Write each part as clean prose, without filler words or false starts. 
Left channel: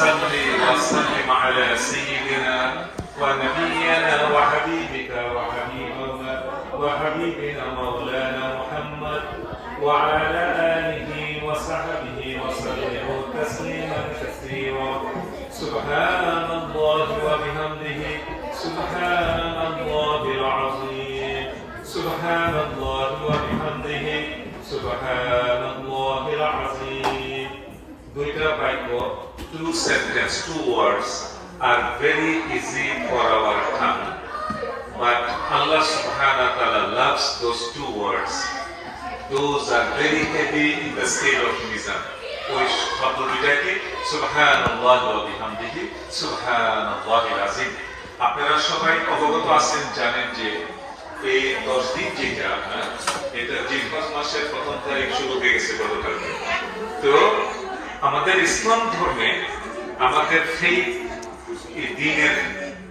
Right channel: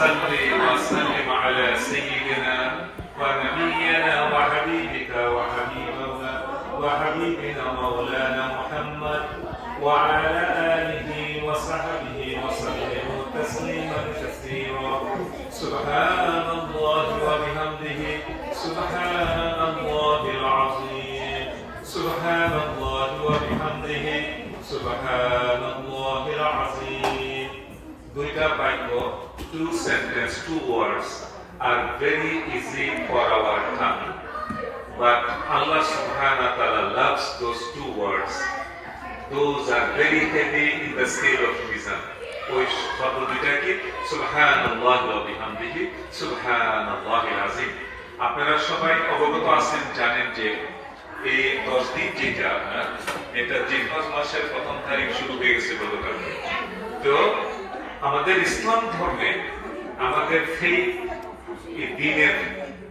صل وسلم على سيدنا ونبينا وحبيبنا مولانا محمد وعلى آله وصحبه وسلم تسليما كثيرا. سبحان الله وبحمده سبحان الله العظيم. سبحان الله وبحمده سبحان الله العظيم. দুইটা বাক্য, two sentences, two words are very easy for our tongue, but Allah subhanahu wa ta'ala loves those two words. Those are very heavy in the scale of mizan. ওই শব্দ দুইটা কি? সুবহানাল্লাহি ওয়া বিহামদিহি সুবহানাল্লাহিল আযীম। আপনারা সবাই অবগত আছেন, জানেন যে এই 10 দিন যেটা এটা জিলহজ মাসের প্রথম তারিখ শুরু হয়ে গেছে গতকালকে। তো আমাদের ইসলাম ধর্মে আমাদের সেই দিনের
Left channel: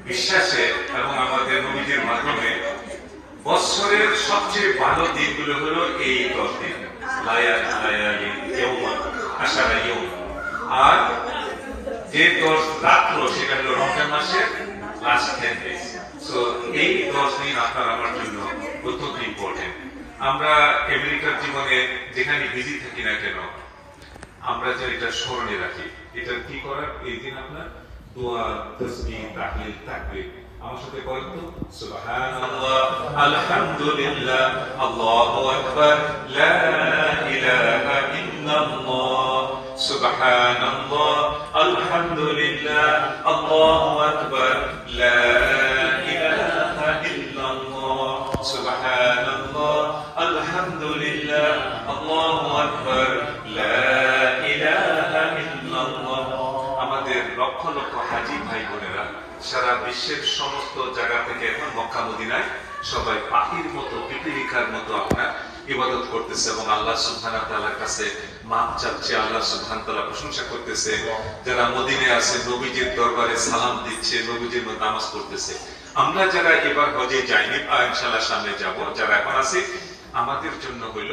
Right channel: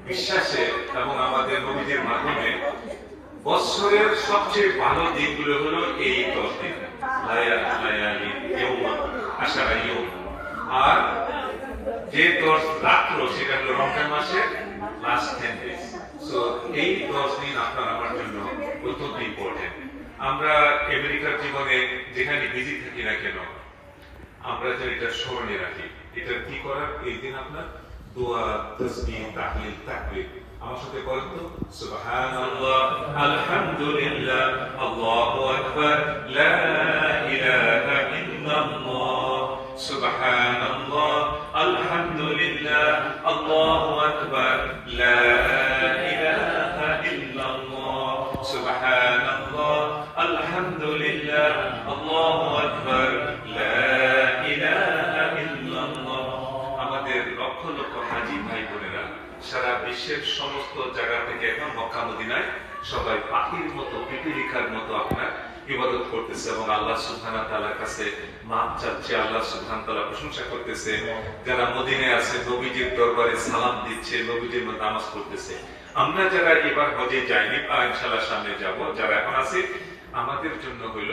বিশ্বাসে এবং আমাদের নবীদের মাধ্যমে বছরের সবচেয়ে ভালো দিনগুলো হলো এই 10 দিন, আর যে 10 রাত্র সেটা হলো রমজান মাসের লাস্ট 10 days। সো এই 10 দিন আপনার আমার জন্য অত্যন্ত ইম্পর্টেন্ট। আমরা আমেরিকার জীবনে যেখানে বিজি থাকি না কেন, আমরা যে এটা স্মরণে রাখি, এটা কি করার? এই দিন আপনার দোয়া, তাসবিহ, তাহলিল, তাকবীর আমার সাথে করেন তো। সুবহানাল্লাহ, আলহামদুলিল্লাহ, আল্লাহু আকবার, লা ইলাহা ইল্লাল্লাহ। সুবহানাল্লাহ, আলহামদুলিল্লাহ, আল্লাহু আকবার, লা ইলাহা ইল্লাল্লাহ। সুবহানাল্লাহ, আলহামদুলিল্লাহ, আল্লাহু আকবার, লা ইলাহা ইল্লাল্লাহ। আমাদের লক্ষ লক্ষ হাজী ভাই বোনেরা সারা বিশ্বের সমস্ত জায়গা থেকে এখন মক্কা মদিনায় সবাই পাখির মতো, পিপীলিকার মতো আপনার ইবাদত করতেছে এবং আল্লাহ সুবহানাহু ওয়া তাআলার কাছে মাপ চাচ্ছে, আল্লাহ সুবহানাহু ওয়া তাআলা প্রশংসা করতেছে। যারা মদিনায় আছে নবীজির দরবারে সালাম দিচ্ছে, নবীজির মধ্যে নামাজ পড়তেছে। আমরা যারা এবার হজে যাইনি, ইনশাআল্লাহ সামনে যাব, যারা এখন আছি, আমাদের জন্য হইল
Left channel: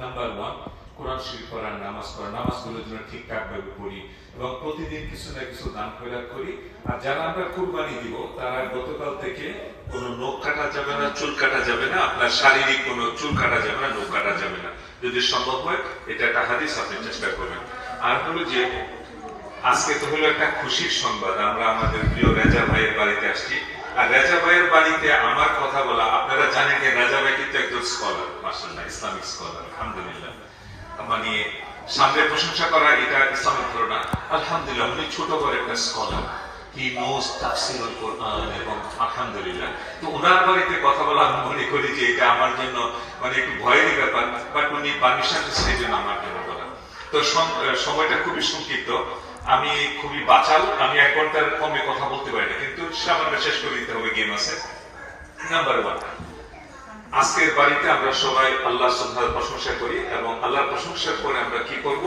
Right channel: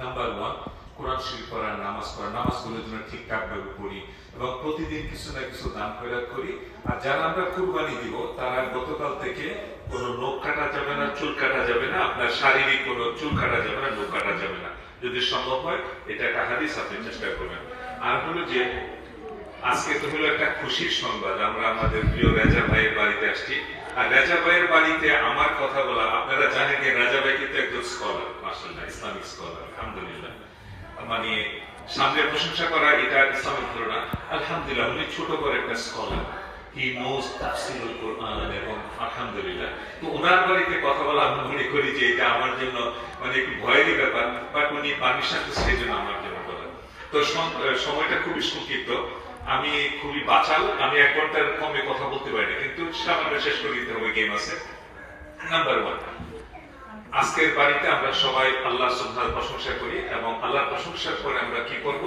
নাম্বার 1 কোরআন শরীফ পড়ার, নামাজ পড়া, নামাজগুলো যেন ঠিকঠাক ভাবে পড়ি এবং প্রতিদিন কিছু না কিছু দান খয়রাত করি। আর যারা আমরা কুরবানি দিব তারা গতকাল থেকে কোনো নখ কাটা যাবে না, চুল কাটা যাবে না, আপনার শারীরিক কোনো চুল কাটা যাবে না, নখ কাটা যাবে না। যদি সম্ভব হয় এটা একটা হাদিস, আপনি চেষ্টা করবেন। আর হলো যে আজকে তো হলো একটা খুশির সংবাদ, আমরা আমাদের প্রিয় রাজা ভাইয়ের বাড়িতে আসছি। আর রাজা ভাইয়ের বাড়িতে আমার কথা বলা, আপনারা জানেন যে রাজা ভাই কিন্তু একজন স্কলার, মাশাআল্লাহ, ইসলামিক স্কলার, আলহামদুলিল্লাহ। মানে সামনে প্রশংসা করা এটা ইসলামিক ধারণা। আলহামদুলিল্লাহ, উনি ছোট করে একটা স্কলার, হি নোজ তাফসীরুল কোরআন, এবং আলহামদুলিল্লাহ। তো ওনার বাড়িতে কথা বলা আমি মনে করি যে এটা আমার জন্য মানে একটু ভয়েরই ব্যাপার, বাট উনি পারমিশন দিচ্ছে এই জন্য আমার জন্য বলা। তো সময়টা খুবই সংক্ষিপ্ত, আমি খুবই বাচাল, আমি 1 ঘন্টার কমে কথা বলতে পারি না, কিন্তু সামান্য শেষ করে দিতে হবে, গেম আছে। নাম্বার 1, আজকের বাড়িতে আমরা সবাই আল্লাহ সুবহানাহু প্রশংসা করি এবং আল্লাহর প্রশংসার পরে আমরা কি করব?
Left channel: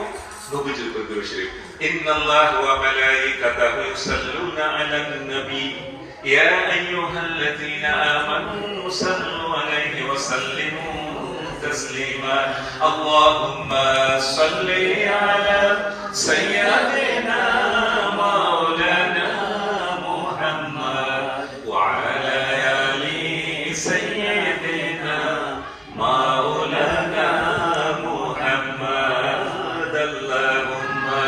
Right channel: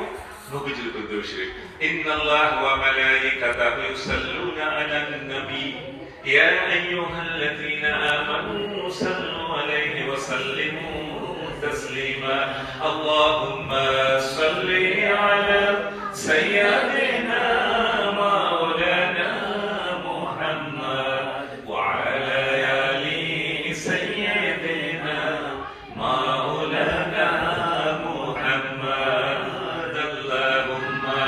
নবীজির উপর দরুদ শরীফ। ইন্নাল্লাহা ওয়া মালাইকাতাহু ইউসাল্লুনা আলান নবী ইয়া আইয়ুহাল্লাযীনা আমানু সাল্লু আলাইহি ওয়া সাল্লিমু তাসলিমা। আল্লাহুম্মা সাল্লি আলা সাইয়্যিদিনা মাওলানা মুহাম্মদ ওয়া আলা আলি সাইয়্যিদিনা মাওলানা মুহাম্মদ। আল্লাহুম্মা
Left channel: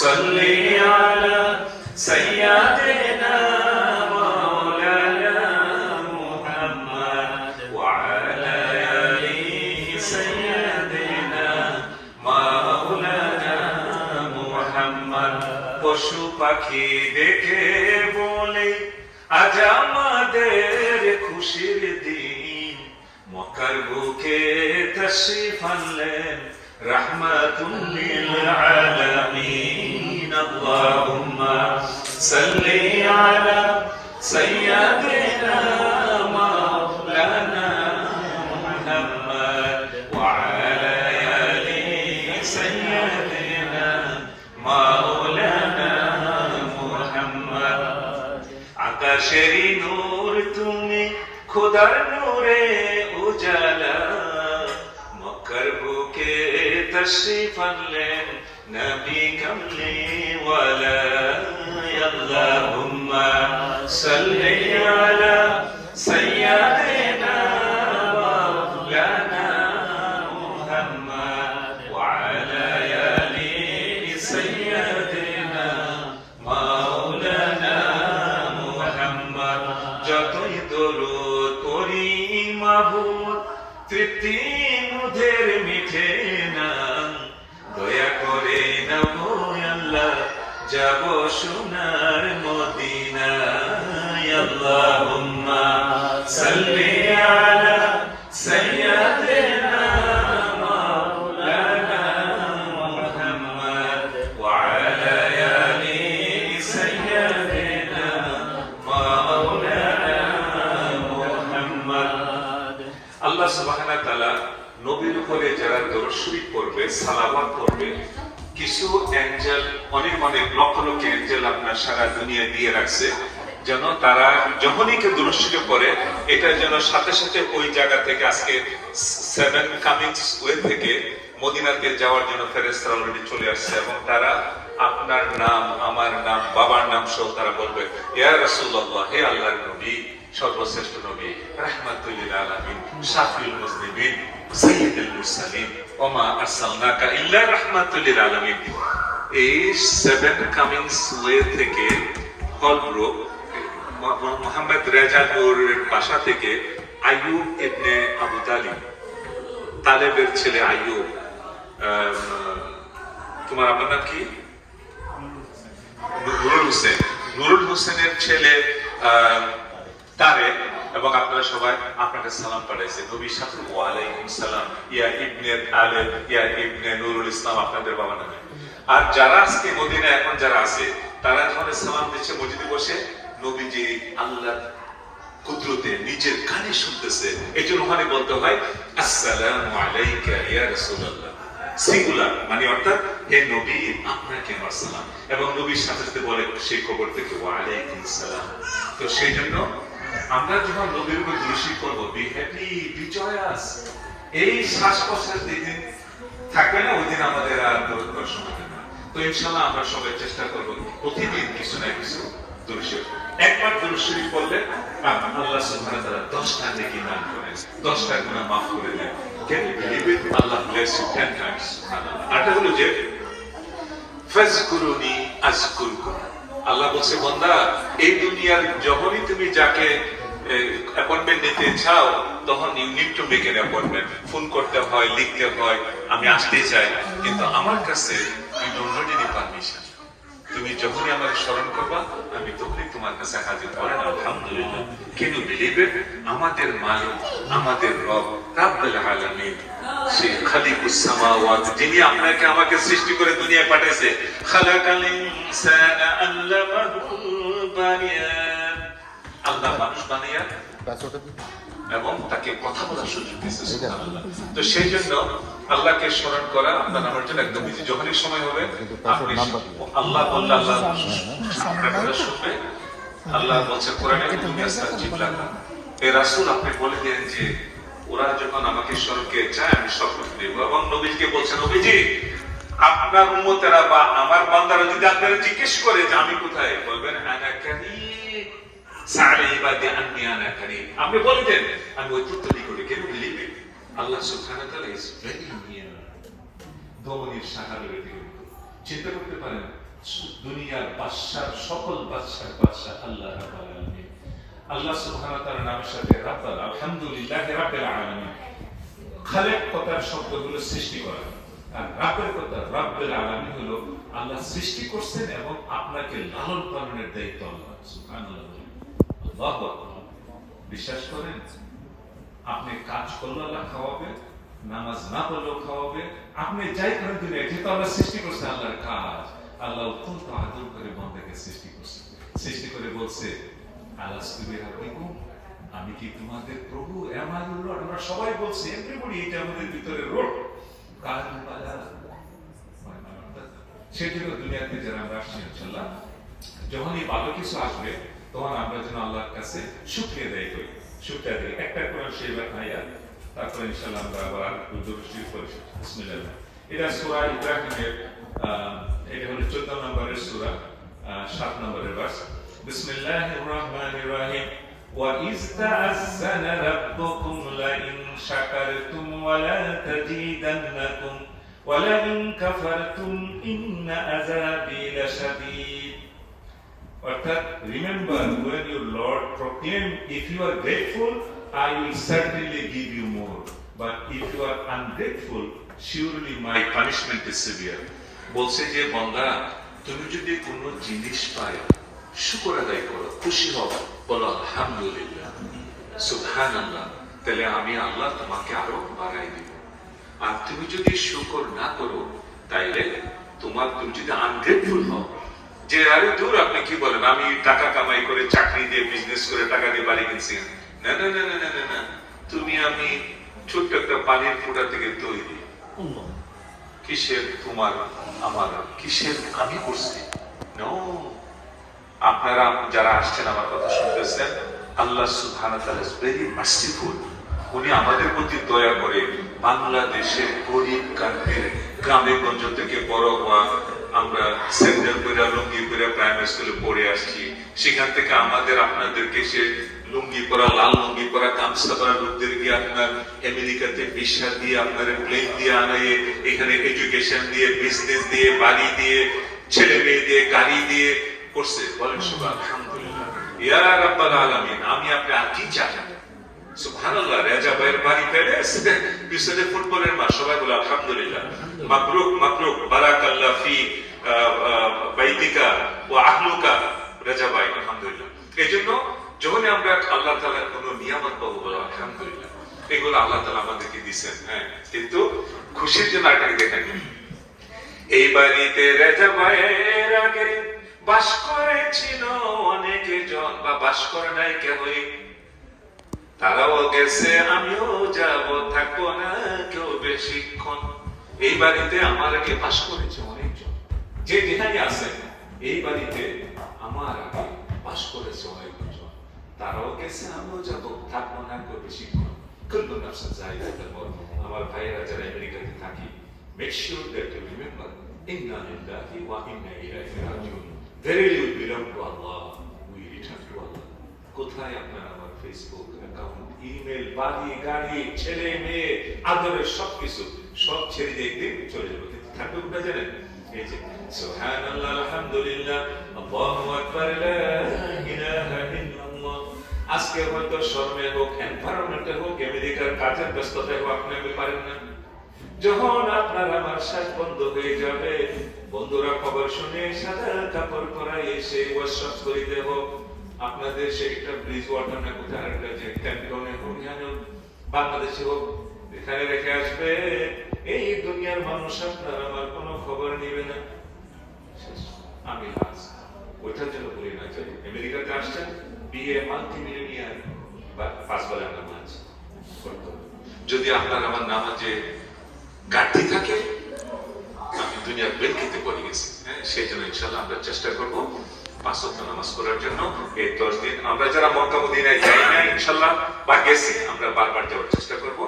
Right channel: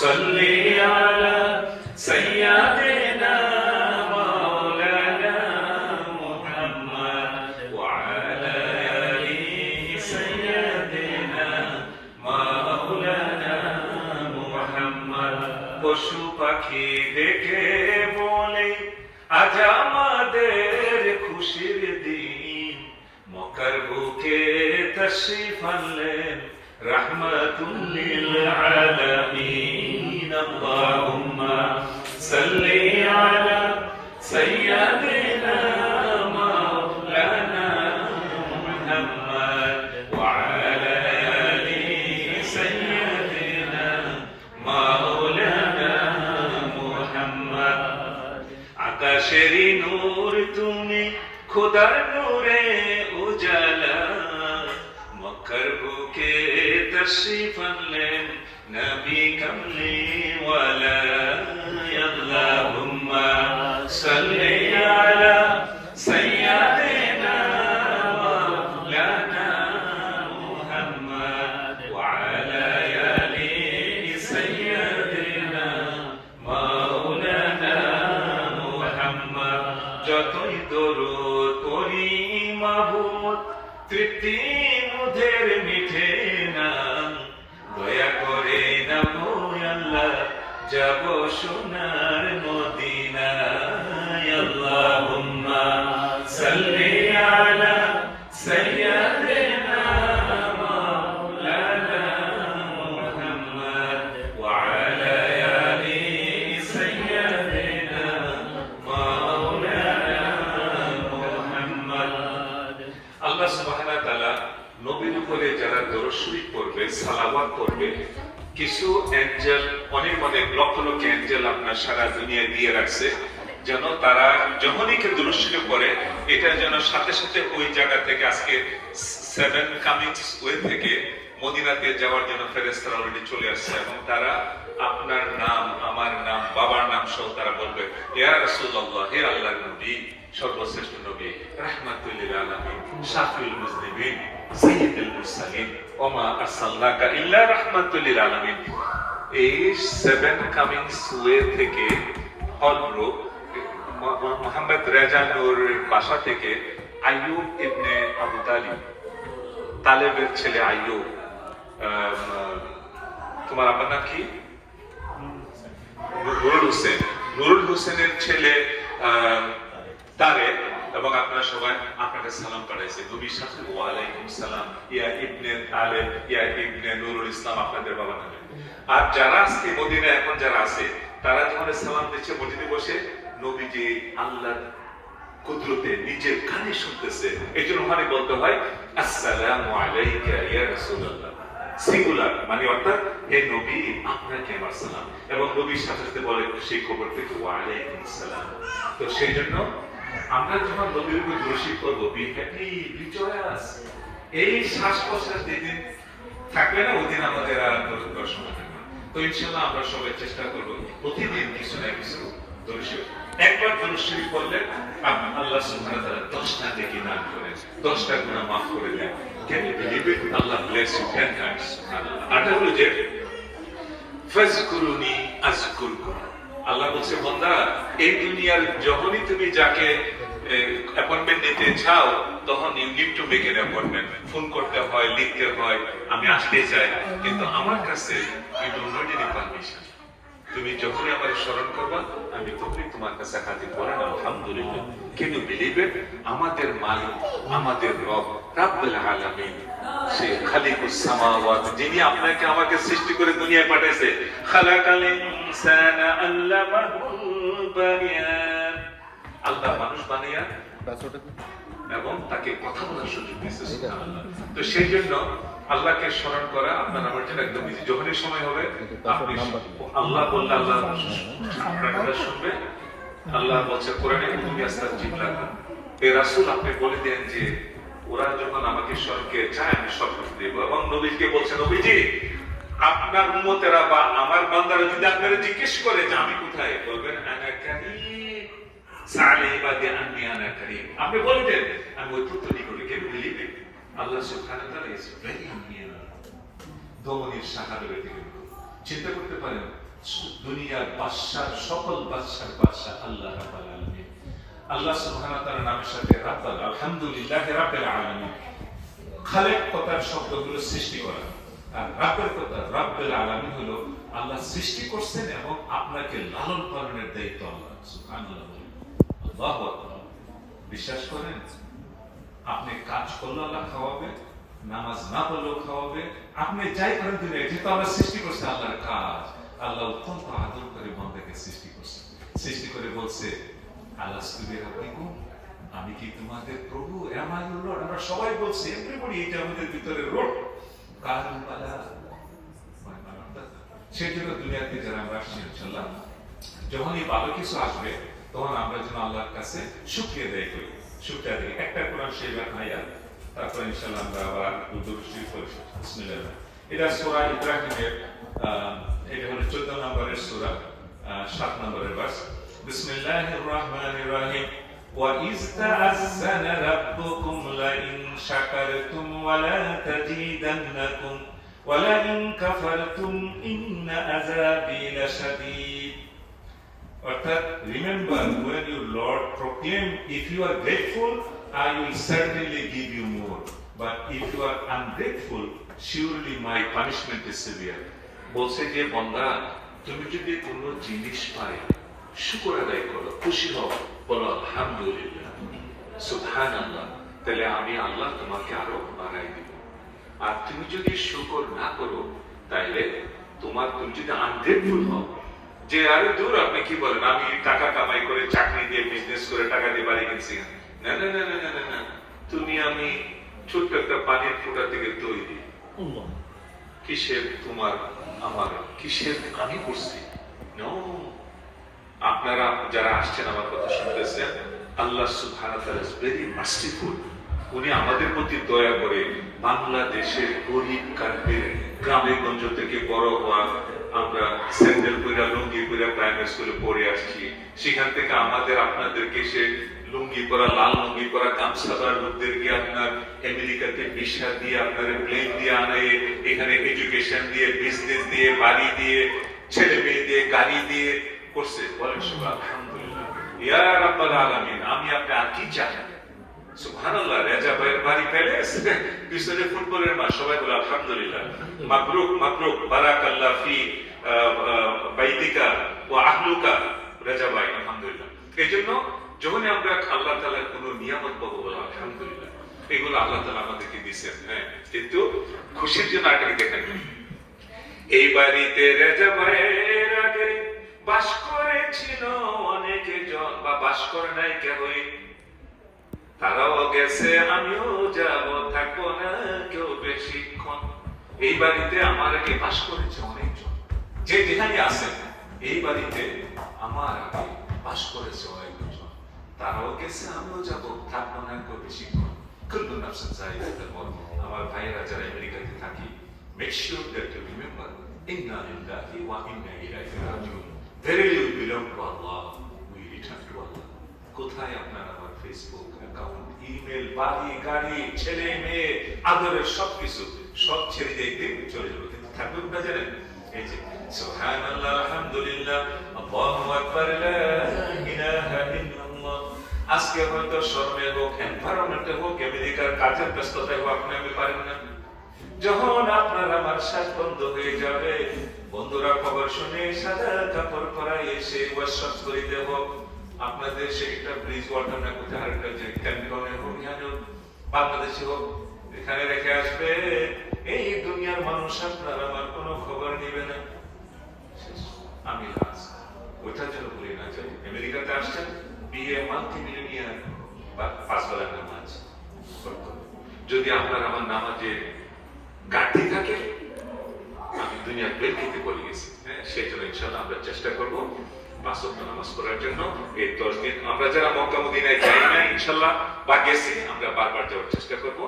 সাল্লি আলা সাইয়্যিদিনা মাওলানা মুহাম্মদ ওয়া আলা আলি সাইয়্যিদিনা মাওলানা মুহাম্মদ। পশু পাখি দেখে বলে আজ আমাদের খুশির দিন, মক্কার বুকে তাশরীফ আনলেন রাহমাতুল লিল আলামিন। আল্লাহুম্মা সাল্লি আলা সাইয়্যিদিনা মাওলানা মুহাম্মদ ওয়া আলা আলি সাইয়্যিদিনা মাওলানা মুহাম্মদ। আকাশেরই নূর তুমি, খোদার নূরে উজালা, মক্কার বুকে তাশরীফ পারলেন নবী কামলি ওয়ালা আল্লাহুম্মা সাল্লি আলা সাইয়্যিদিনা মাওলানা মুহাম্মদ ওয়া আলা আলি সাইয়্যিদিনা মাওলানা মুহাম্মদ। যতই দরুদ পড়ি মাহবুব তৃপ্তি মুদের মিঠে না, দয়া করে না গো আল্লাহ যাব সোনার মদিনায়। আল্লাহুম্মা সাল্লি আলা সাইয়্যিদিনা মাওলানা মুহাম্মদ ওয়া আলা আলি সাইয়্যিদিনা মাওলানা মুহাম্মদ। আল্লাহ সুবহানাহু ওয়া তাআলা নবীর উপরে যারা দরুদ শরীফ পড়বে, সালাওয়াত পড়বে, কিছু অ্যাঞ্জেল, অনেক অনেক লক্ষ লক্ষ অ্যাঞ্জেল আপনার সারা দুনিয়া দিয়ে রাখছে, যেন তারা যখনই কেউ দরুদ শরীফ পড়ে এটা যেন সাথে সাথে ওই জায়গা থেকে আজকে 7 কামিংস ওয়ে থেকে মদিনাতে যাওয়ার জন্য ফেরেশতারা অলরেডি চলে আসছে, এবং তারা আপনার নাম, আমার নাম, বাবার নাম সহ তারা বলবে ইয়া রাসূলুল্লাহ, হে আল্লাহর নবী, সর্বশ্রেষ্ঠ নবী, রাহমাতুল লিল আলামিন, শাফিউল মুজনিবিন, সাইয়্যিদুল মুরসালিন, ওমা আরসালনাকা ইল্লা রাহমাতুল লিল আলামিন। এই 7 কামিংস ওয়ে থেকে হযরত মুহাম্মদ রেজা নূরের বাসা থেকে আইয়ুব ইবনে আবু তালিব, তালেবের ছেলে আইয়ুব, তোমার আপনার নাম কি? নুরুল হোসেন, নুরুল হোসেনের ছেলে তারেক, এবং আপনারা সবাই আপনাকে সালাম পাঠাইছে। নবীর সাথে ওয়া আলাইকুম সালাম ইয়া ইবনে তালেব ইয়া ইবনে নুরুল ইসলাম, আপনাদের বাবা নামে। আর যারা আজকে মদিনায় এখন যারা আছে তারা যখন সালাম দিচ্ছে মসজিদে বসে, নবীজি আল্লাহর কুদরতে নিজের কানে শুনতেছে, এই জন্য ওখানে বলতে হয় আসসালামু আলাইকা ইয়া রাসূলুল্লাহ, সিঙ্গুলার, মানে অর্থাৎ হে নবী আপনাকে আমার সালাম, এবং নবীর সাথে সাথে বলে সেই খবর থেকে ওয়া আলাইকুম সালাম। তো সেই জন্য আমরা যখন নবীর উপর দরুদ শরীফ পড়ব, বি হ্যাপি, বি জয়াস। এই শ্বাস প্রশ্বাস যেদিন থাকবে না ওই দিন আমাদের আর দরুদ দর্শন হবে না। তো ইনশাআল্লাহ আমরা সবাই চেষ্টা করব প্রতিদিন কিছু না কিছু দরুদ শরীফ, একবার দরুদ শরীফ পড়লে আল্লাহ সুবহানাহু ওয়া তাআলা 10টা নেকি দান করেন, 10টা গুনাহ মাফ করে দেন। Can you believe it? Allah bless you 10 times. আর এটা হলো যে ফাজকুরুনি আযকুরকুম। আল্লাহ বলছে বান্দা, এই দুনিয়ার যখনই তুমি যাকে অ্যাপয়েন্টমেন্ট নিতে চাও তখন you need to make an appointment, phone করতে হয়, লিখতে হয়, আমি আসতে চাই, কিন্তু আমার কাছে you don't need any permission. তুমি যখনই আমার স্মরণ করবা আমি তখনই তোমার কাছে হাজির করেন। আলহামদুলিল্লাহ, ক্যান ইউ বিলিভ ইট? আমাদের মালিক, আমাদের রব, রাব্বুল আলামিন, সে খালিকুস সামাওয়াত, যিনি আপনাকে আমাকে সৃষ্টি করে দুনিয়ায় পাঠাইছে, খালাকাল ইনসানা আল্লামাহুল বায়ান, আল্লাহ মানুষ বানাইয়া এবং তাকে কথা বলার সুযোগ দিয়েছে। সুবহানাল্লাহ। তো সেই জন্য আল্লাহকে স্মরণ করা আপনার আমার জন্য একদম ইজি। যখনই সময় হবে আপনি আল্লাহ বললে আল্লাহ আপনার কথা শুনবে। আল্লাহ বলছে কোরআনে, এই রাসূল আপনি বলে দেন যে ওরা যখন আমাকে স্মরণকে চায় আমি সব কিছু দেব, এবং নবীকে বলছে নবীজি আপনার উম্মতেরা বা আমার বান্দারা যদি আপনারা জিজ্ঞেস করে যে আমি কোথায়, বলবেন আনা কারীম সালে ইবাদি আন্নি আনা কারীম, আপনি বলে দেন আমি অত্যন্ত নিকটে। কেন বিলিভ ইট? আল্লাহ সুবহানাহু ওয়া তাআলা ইজ ভেরি নিয়ার, দমনের সাহাবের দিকে। চিন্তা করতে পারেন দুনিয়ার বাদশার, সকল বাদশার বাদশা আল্লাহ রাব্বুল আলামিন। আল্লাহ সুবহানাহু ওয়া তাআলার নামের সাথে রাব্বুল, আলহামদুলিল্লাহি রাব্বিল আলামিন, খালেক কথার শব্দগুলো সৃষ্টি করা, আর রাব্বের কথা রাব্বুল আলামিন হলো আল্লাহ সৃষ্টি করছেন এবং আপনাকে লালন পালনের দায়িত্ব আল্লাহ। সুবহানাল্লাহ, আল্লাহু আকবার। বিশ্বাস করেন আপনি কাজ করলে আল্লাহ খাওয়াবে, নামাজ না পড়লেও খাওয়াবে, আপনি যাই করেন দুনিয়ায়, যেহেতু আল্লাহ সৃষ্টি করছে, আল্লাহর কাজ। আল্লাহ অত্যন্ত আদর করে বান্দাকে সৃষ্টি করছে, সৃষ্টি করে বলছে আলাস্তু বিরাব্বিকুম, আমি কি তোমাদের প্রভু? Am I your lord? আমরা সবাই বলছি, এভরিবডি, এটা আমাদের ভিতরে রোড। সেই জন্য দুনিয়াতে যারা আমরা আসছি ইনশাআল্লাহ, যখনই ভালো কিছু আসবে তখন আমরা যেন আল্লাহর কাছে শুকরিয়া আদায় করি। শুকরিয়া আদায় একটা কোরআন শরীফের আয়াত, তারপর ইনশাআল্লাহ আমরা আবার দরুদ শরীফ পড়ি। বিসমিল্লাহ। এটা সূরা ইব্রাহিমের এটা হলো 14 নম্বরের সূরা 7 নম্বরের ভার্স। বিসমিল্লাহির রহমানির রহিম। وَإِذْ تَأَذَّنَ رَبُّكُمْ لَئِنْ شَكَرْتُمْ وَلَأَزِيدَنَّكُمْ وَلَئِنْ كَفَرْتُمْ إِنَّ عَذَابِي لَشَدِيدٌ। অর্থাৎ remember when your Lord proclaimed, if you are grateful, I will certainly give you more, but if you are ungrateful, surely my punishment is severe. বলছে যে বান্দা, তুমি যদি কোনো জিনিস পাও, শুকর আদায় করো, খুশি হও, বলো আলহামদুলিল্লাহ, সুবহানাল্লাহ, তাহলে আমি আল্লাহ তোমাকে আরো বাড়াই দিব। আর তুমি যদি শুকর না করো, তাইলে তুমি যদি আনগ্রেটফুল হও, যে আরে দূর আপনি কি বলেন, আমি টাকা কামাই করে চাকরি দিয়ে বিজনেস করে টাকা দিয়ে বাড়ি কিনছি, না না না না না না, তুমি আমি ছোট্ট একটা পানির ফোঁটা থেকে তৈরি। কিসের তোমার আমার, কিসের আমি করছি? আপনারা যারা আসছেন আমার কথা শুনতেছেন, আল্লাহ সুবহানাহু ওয়া তাআলা ইজ ভেরি মার্সিফুল। উনি আমাদের প্রতি দয়া করে। বাংলাদেশের গরিব কান্ট্রির গ্রামে গঞ্জ থেকে বড় হওয়া, আমরা স্যান্ডেল পরে লুঙ্গি পরে প্রাইমারি স্কুলে পড়ে আসছি, সেখান থেকে আমাদের আপনাদেরকে সে লুঙ্গি পরা, লাল লুঙ্গি পরা, গামছা পরা লোকদেরকে আপনার আমেরিকাতে ভিসা দিয়ে, আপনার প্লেন দিয়ে আনাইয়ে, এখানে এডুকেশন দিয়ে, বিজনেস দিয়ে, বাড়ি দিয়ে, ছেলে মেয়ে দিয়ে, গাড়ি দিয়ে করছে। বলেন সবাই আলহামদুলিল্লাহ। ইয়া রাব্বাল আলামিন, আমি আপনি আর কি চাই? সুবহানাল্লাহ। রেজা ভাইয়ের বাড়ি প্যালেস, পিছনে ফুটবলের মাঠ, সবাই বলে আলহামদুলিল্লাহ। মাবরুক মাবরুক, বারাকাল্লাহ ফি বাইতিকা ওয়া আহলুকা, রেজা ভাই আলহামদুলিল্লাহ। এইজন্য যখন আমরা আল্লাহ তাআলার কোনো নিয়ামত পাবো, বলো আলহামদুলিল্লাহ। এগুলো আল্লাহ তাআলা আমাদেরকে দিয়েছেন, হ্যাঁ, কিন্তু খুশির জন্য এটাকে দেখেন। এই বাড়িতে রেজা ভাইয়ের আগে বাস করেছিল অনেকে জন, বা বাস করে নাই কেউই, তারাও গেছে, আমিও যাব, থাকবো না কেউ বেশিক্ষণ। এই বাড়িতে আমার আগে বাস করেছে অনেকজন, যে যেখানে আছেন এই বাড়িতে আমার আগে বাস করেছে অনেকজন, তারাও গেছে, আমিও যাব, থাকবো না কেউ বেশিক্ষণ। কুল্লু নাফসিন যায়িকাতুল মউত। আমার ভাইয়েরা যারা আমেরিকাতে থাকি, make sure that you remember, ইন্না লিল্লাহি ওয়া ইন্না ইলাইহি রাজিউন। Verily we belong to Allah, we return to Allah. কোথায় আপনার আমার ফেসবুক অ্যাকাউন্ট, ইমেল, বাড়ি, গাড়ি, ছেলে মেয়ে, আদরের সবকিছু সব ছেড়ে দিয়ে একদিন চলে যাবো, কিন্তু থাকবে কোথা জানেন? এই যে সুবহানাল্লাহ, আলহামদুলিল্লাহ, আল্লাহু আকবার, লা ইলাহা ইল্লাল্লাহ। আজকে হয়তো শর্মে হোক, এনভায়রনমেন্টে হোক, আমেরিকার কাজের ব্যস্ততায় হোক, আপনি আমি পারেন না। যখন আপনার আমার শ্বাস বন্ধ হয়ে যাবে, বন্ধুরা খবর শুনে সাদা কাপড় পরাই এসে ওয়াশাপ করিতে হোক, আপনাদের সে একটা ব্রিজ ওয়াটার না কোথায় একটা যে ক্যাম্পনে হোক, এখানে বাংলাদেশে হোক, এখানে রেখে আসবে। এই দুনিয়ার মানুষ আপনার আমার কোনো খবর নিবে না। আমি লাজ ওইটার জন্য বলি না, যে আমেরিকাতে আসছেন, বিয়ে মাল্টি মিলিয়নিয়ার, বা 5 বেলা নামাজ পড়তে হবে। যদি আপনার আমার নামাজে ঘাটতি থাকে, আমি দুনিয়ার বেল খেতে পড়ে গেছি, হ্যাঁ, সেই জন্য ইনশাআল্লাহ আমরা চেষ্টা করবো 5 ওয়াক্ত নামাজ পড়ার জন্য। এই 10 দিন আমরা যারা মক্কা মদিনায় যাই না ইনশাআল্লাহ, বা গেছি, আমরা বারবার যাওয়ার চেষ্টা করব।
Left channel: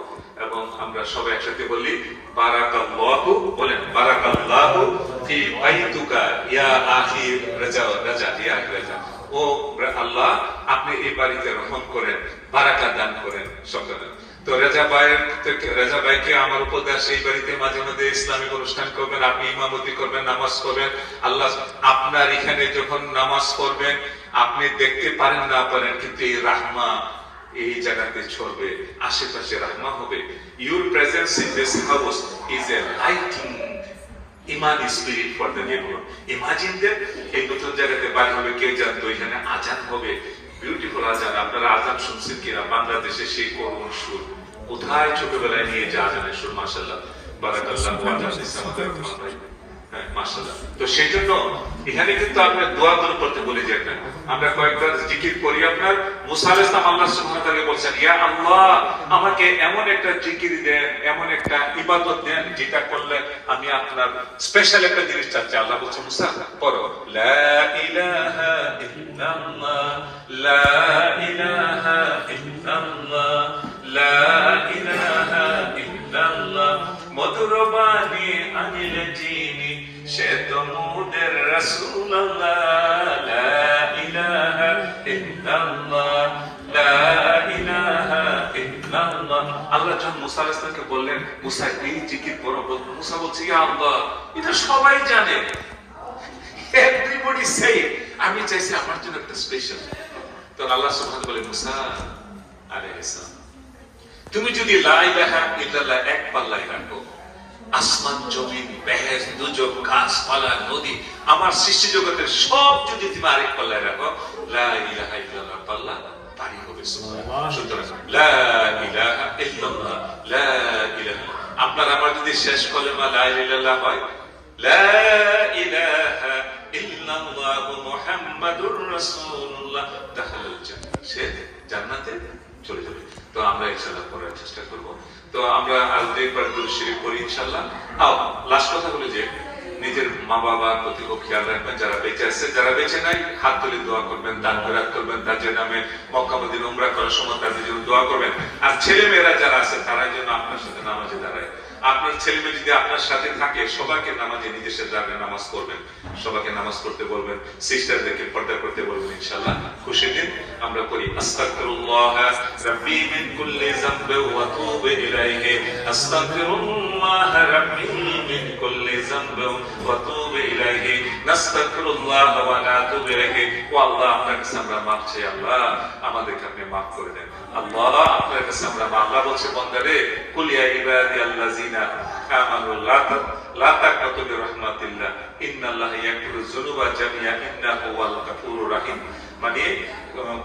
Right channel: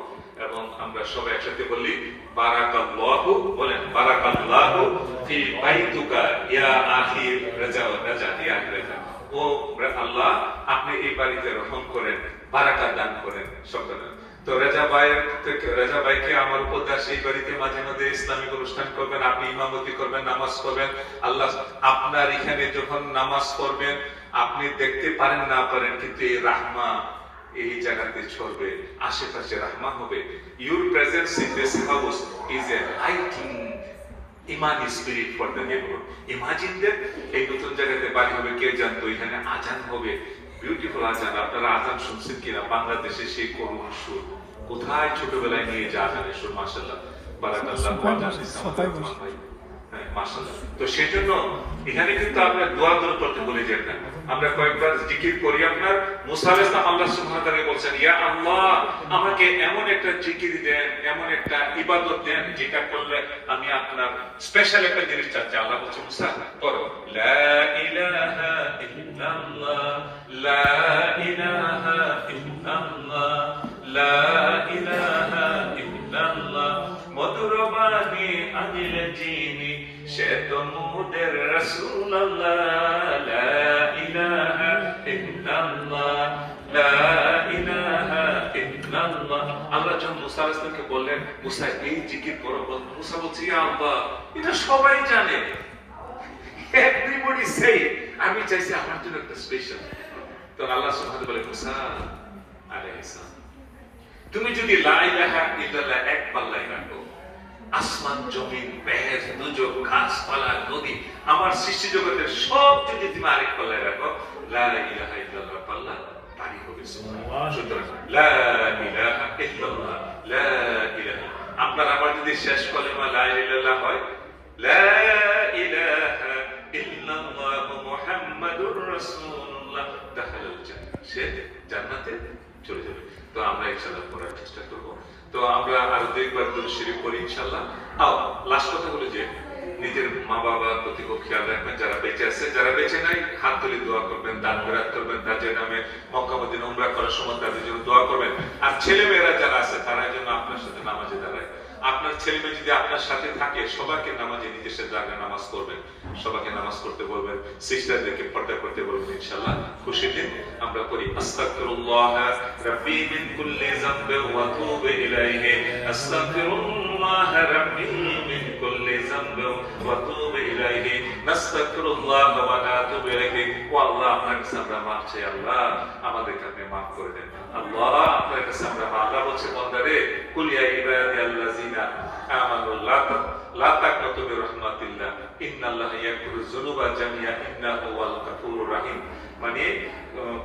এবং আমরা সবাই একসাথে বলি বারাকাল্লাহু, বলেন বারাকাল্লাহু ফি বাইতুকা ইয়া আখি রাজা, রাজা ইয়া রাজা। ও আল্লাহ, আপনি এই বাড়িতে রহম করেন, বারাকা দান করেন সকলে। তো রেজা ভাইকে আমার উপদেশ, এই বাড়িতে মাঝে মাঝে ইসলামিক অনুষ্ঠান করবেন, আপনি ইমামতি করবেন, নামাজ পড়বেন। আল্লাহ আপনার এখানে যখন নামাজ পড়বেন, আপনি দেখতে পারেন না পারেন, কিন্তু এই রাহমা এই জায়গাতে ছড়বে, আশেপাশে রাহমা হবে। Your presence in this house is a lighting Iman spirit for the neighbourhood. Imagine that, এই নতুন জায়গাতে বাড়ি হবে, কে জানতো এখানে আজান হবে, বিউটিফুল আজান। আপনারা আজান শুনছেন কিনা? বাংলাদেশে সেই করুণ সুর, কোথায় ছোটবেলায় নিয়ে যা আজানের সুর, মাশাআল্লাহ, বারাকাল্লাহ, মাশাআল্লাহ। তো সেই জন্য এখানে কিন্তু আপনার দোয়া দূর করতে বলে যান না, আমরা কয়েকবার জিকির করি। আপনার মুসা আলাইহিস সালাম আল্লাহ সুবহানাহু ওয়া তাআলা বলেন, ইয়া আল্লাহ, আমাকে এমন একটা জিকির দেন, এমন একটা ইবাদত দেন, যেটা করলে আমি আপনার স্পেশাল একটা জিনিস চাচ্ছি। আল্লাহ বলছেন, মুসা পড়ো লা ইলাহা ইল্লাল্লাহ, লা ইলাহা ইল্লাল্লাহ, লা ইলাহা ইল্লাল্লাহ। মধুর বাণী আনিল জিনি সে তো মোদের রাসূলুল্লাহ লা ইলাহা ইল্লাল্লাহ লা ইলাহা ইল্লাল্লাহ। আল্লাহ যখন মুসা আলাইহিস সালামকে বললেন মুসা এই জিকির করো, মুসা বলছে ইয়া আল্লাহ এটা সবাই জানে, এভরিবডি সে, আমি চাইছি আমার জন্য একটা স্পেশাল। তো আল্লাহ সুবহানাহু ওয়া তাআলা বলে মুসা আলাইহিস সালাম তুমি যদি লা ইলাহা ইল্লাল্লাহ এক পাল্লায় রাখো, আসমান জমিন বেহেশত দুজক গাছপালা নদী আমার সৃষ্টি জগতের সব যদি তুমি আরেক পাল্লায় রাখো, লা ইলাহা ইল্লাল্লাহ পাল্লা পারি হবে। সুবহানাল্লাহ। সুতরাং লা ইলাহা ইল্লাল্লাহ লা ইলাহা, আপনার আমার যদি শেষ কলেমা লা ইলাহা ইল্লাল্লাহ হয়, লা ইলাহা ইল্লাল্লাহ মুহাম্মাদুর রাসূলুল্লাহ দাখালাল জান্নাহ, সে জান্নাতে চলে যাবে। তো আমরা ইনশাআল্লাহ করার চেষ্টা করব। তো আমরা আর দুইবার দুরূদ শরীফ পড়ি ইনশাআল্লাহ। লাস্ট কথা হলো যে নিজের মা বাবার প্রতি খুব খেয়াল রাখবেন, যারা বেঁচে আছে, যারা বেঁচে নাই হাত তুলে দোয়া করবেন, দান খয়রাত করবেন, তাদের নামে মক্কা মদিনা উমরা করার সময় তাদের জন্য দোয়া করবেন। আর ছেলে মেয়েরা যারা আছে তারা যেন আপনার সাথে নামাজে দাঁড়ায়। আপনার ছেলে মেয়ে যদি আপনার সাথে থাকে সবাইকে নামাজে নিজের সাথে জায়গায় নামাজ করবেন, সবাইকে নামাজ করতে বলবেন, সিস্টারদেরকে পর্দা করতে বলবেন। ইনশাআল্লাহ খুশি দিন আমরা করি। আস্তাগফিরুল্লাহ রাব্বি মিন কুল্লি যামবি ওয়া তুবু ইলাইহি, আস্তাগফিরুল্লাহ রাব্বি মিন কুল্লি যামবি ওয়া তুবু ইলাইহি, নাস্তাগফিরুল্লাহ ওয়া নাতুবু ইলাইহি। ও আল্লাহ আপনার কাছে আমরা মাফ চাই, আল্লাহ আমাদেরকে আপনি মাফ করে দেন। আল্লাহ আপনার কাছে আমরা মাফ, আল্লাহ বলছে বান্দারে কুল ইয়া ইবাদিয়াল্লাযিনা আমানু লা তাকনাতু মির রাহমাতিল্লাহ ইন্নাল্লাহা ইয়াগফিরুয যুনুবা জামিআ ইন্নাহু হুয়াল গাফুরুর রহিম। মানে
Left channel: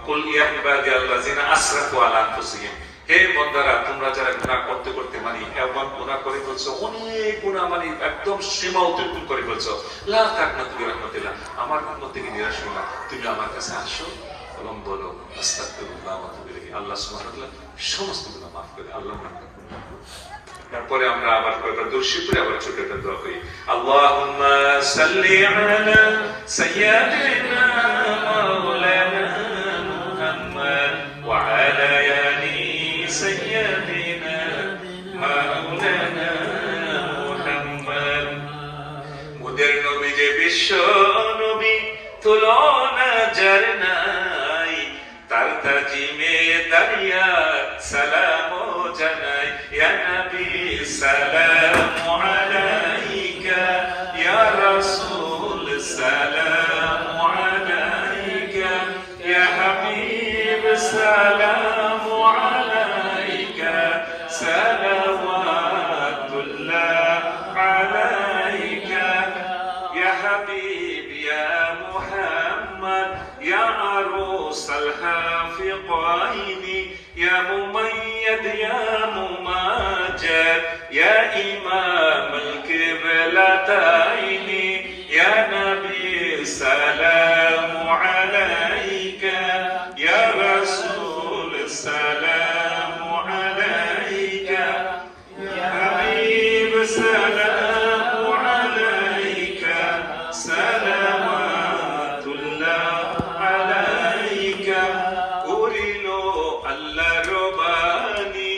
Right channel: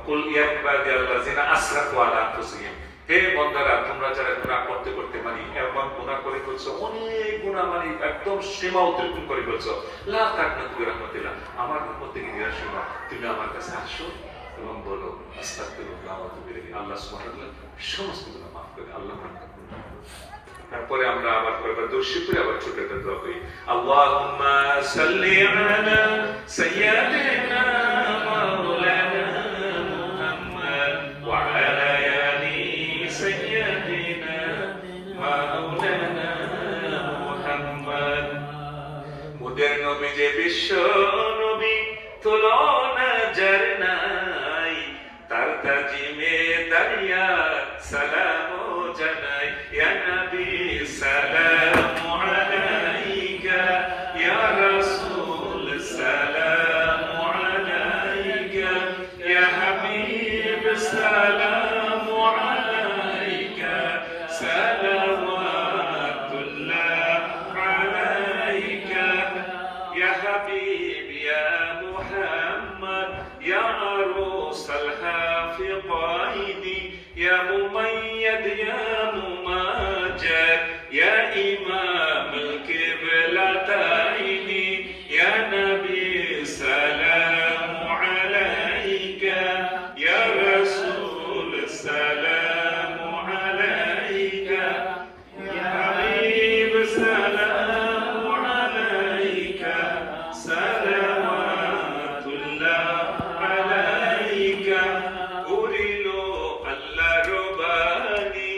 কুল ইয়া ইবাদিয়াল্লাযিনা আসরাফু আলা আনফুসিহিম, হে বান্দারা তোমরা যারা গুনাহ করতে করতে মানে এমন গুনাহ করে ফেলছো, অনেক গুনাহ মানে একদম সীমা অতিক্রম করে ফেলছো, লা তাকনাতু মির রাহমাতিল্লাহ, আমার রহমত থেকে নিরাশ হও না, তুমি আমার কাছে আসো এবং বলো আস্তাগফিরুল্লাহ ওয়া আতুবু ইলাইহি। আল্লাহ সুবহানাহু ওয়া তাআলা সমস্ত গুনাহ মাফ করে। আল্লাহ মাফ করে। তারপরে আমরা আবার কয়েকবার দুরূদ শরীফ পড়ে আবার ছোট একটা দোয়া করি। আল্লাহুম্মা সাল্লি আলা সাইয়্যিদিনা মাওলানা মুহাম্মদ ওয়া আলা আলি সাইয়্যিদিনা মাওলানা মুহাম্মদ। মোদের নবী যে বিশ্ব নবী, তুলনা যার নাই, তার তাজিমে দারিয়া সালাম জানাই। ইয়া নবী সালামু আলাইকা, ইয়া রাসূল সালামু আলাইকা, ইয়া হাবিব সালামু আলাইকা, সালাওয়াতুল্লাহ আলাইকা, ইয়া হাবিব ইয়া মুহাম্মদ, ইয়া আরুসাল হাফিকাইনি, ইয়া মুমাইয়্যিদ ইয়া মুমাজ্জিদ, ইয়া ইমামাল কিবলাতাইনি, ইয়া নবী সালামু আলাইকা, ইয়া রাসূল সালামু আলাইকা, ইয়া হাবিব সালামু আলাইকা, সালাওয়াতুল্লাহ আলাইকা। করিল আল্লাহ রবানি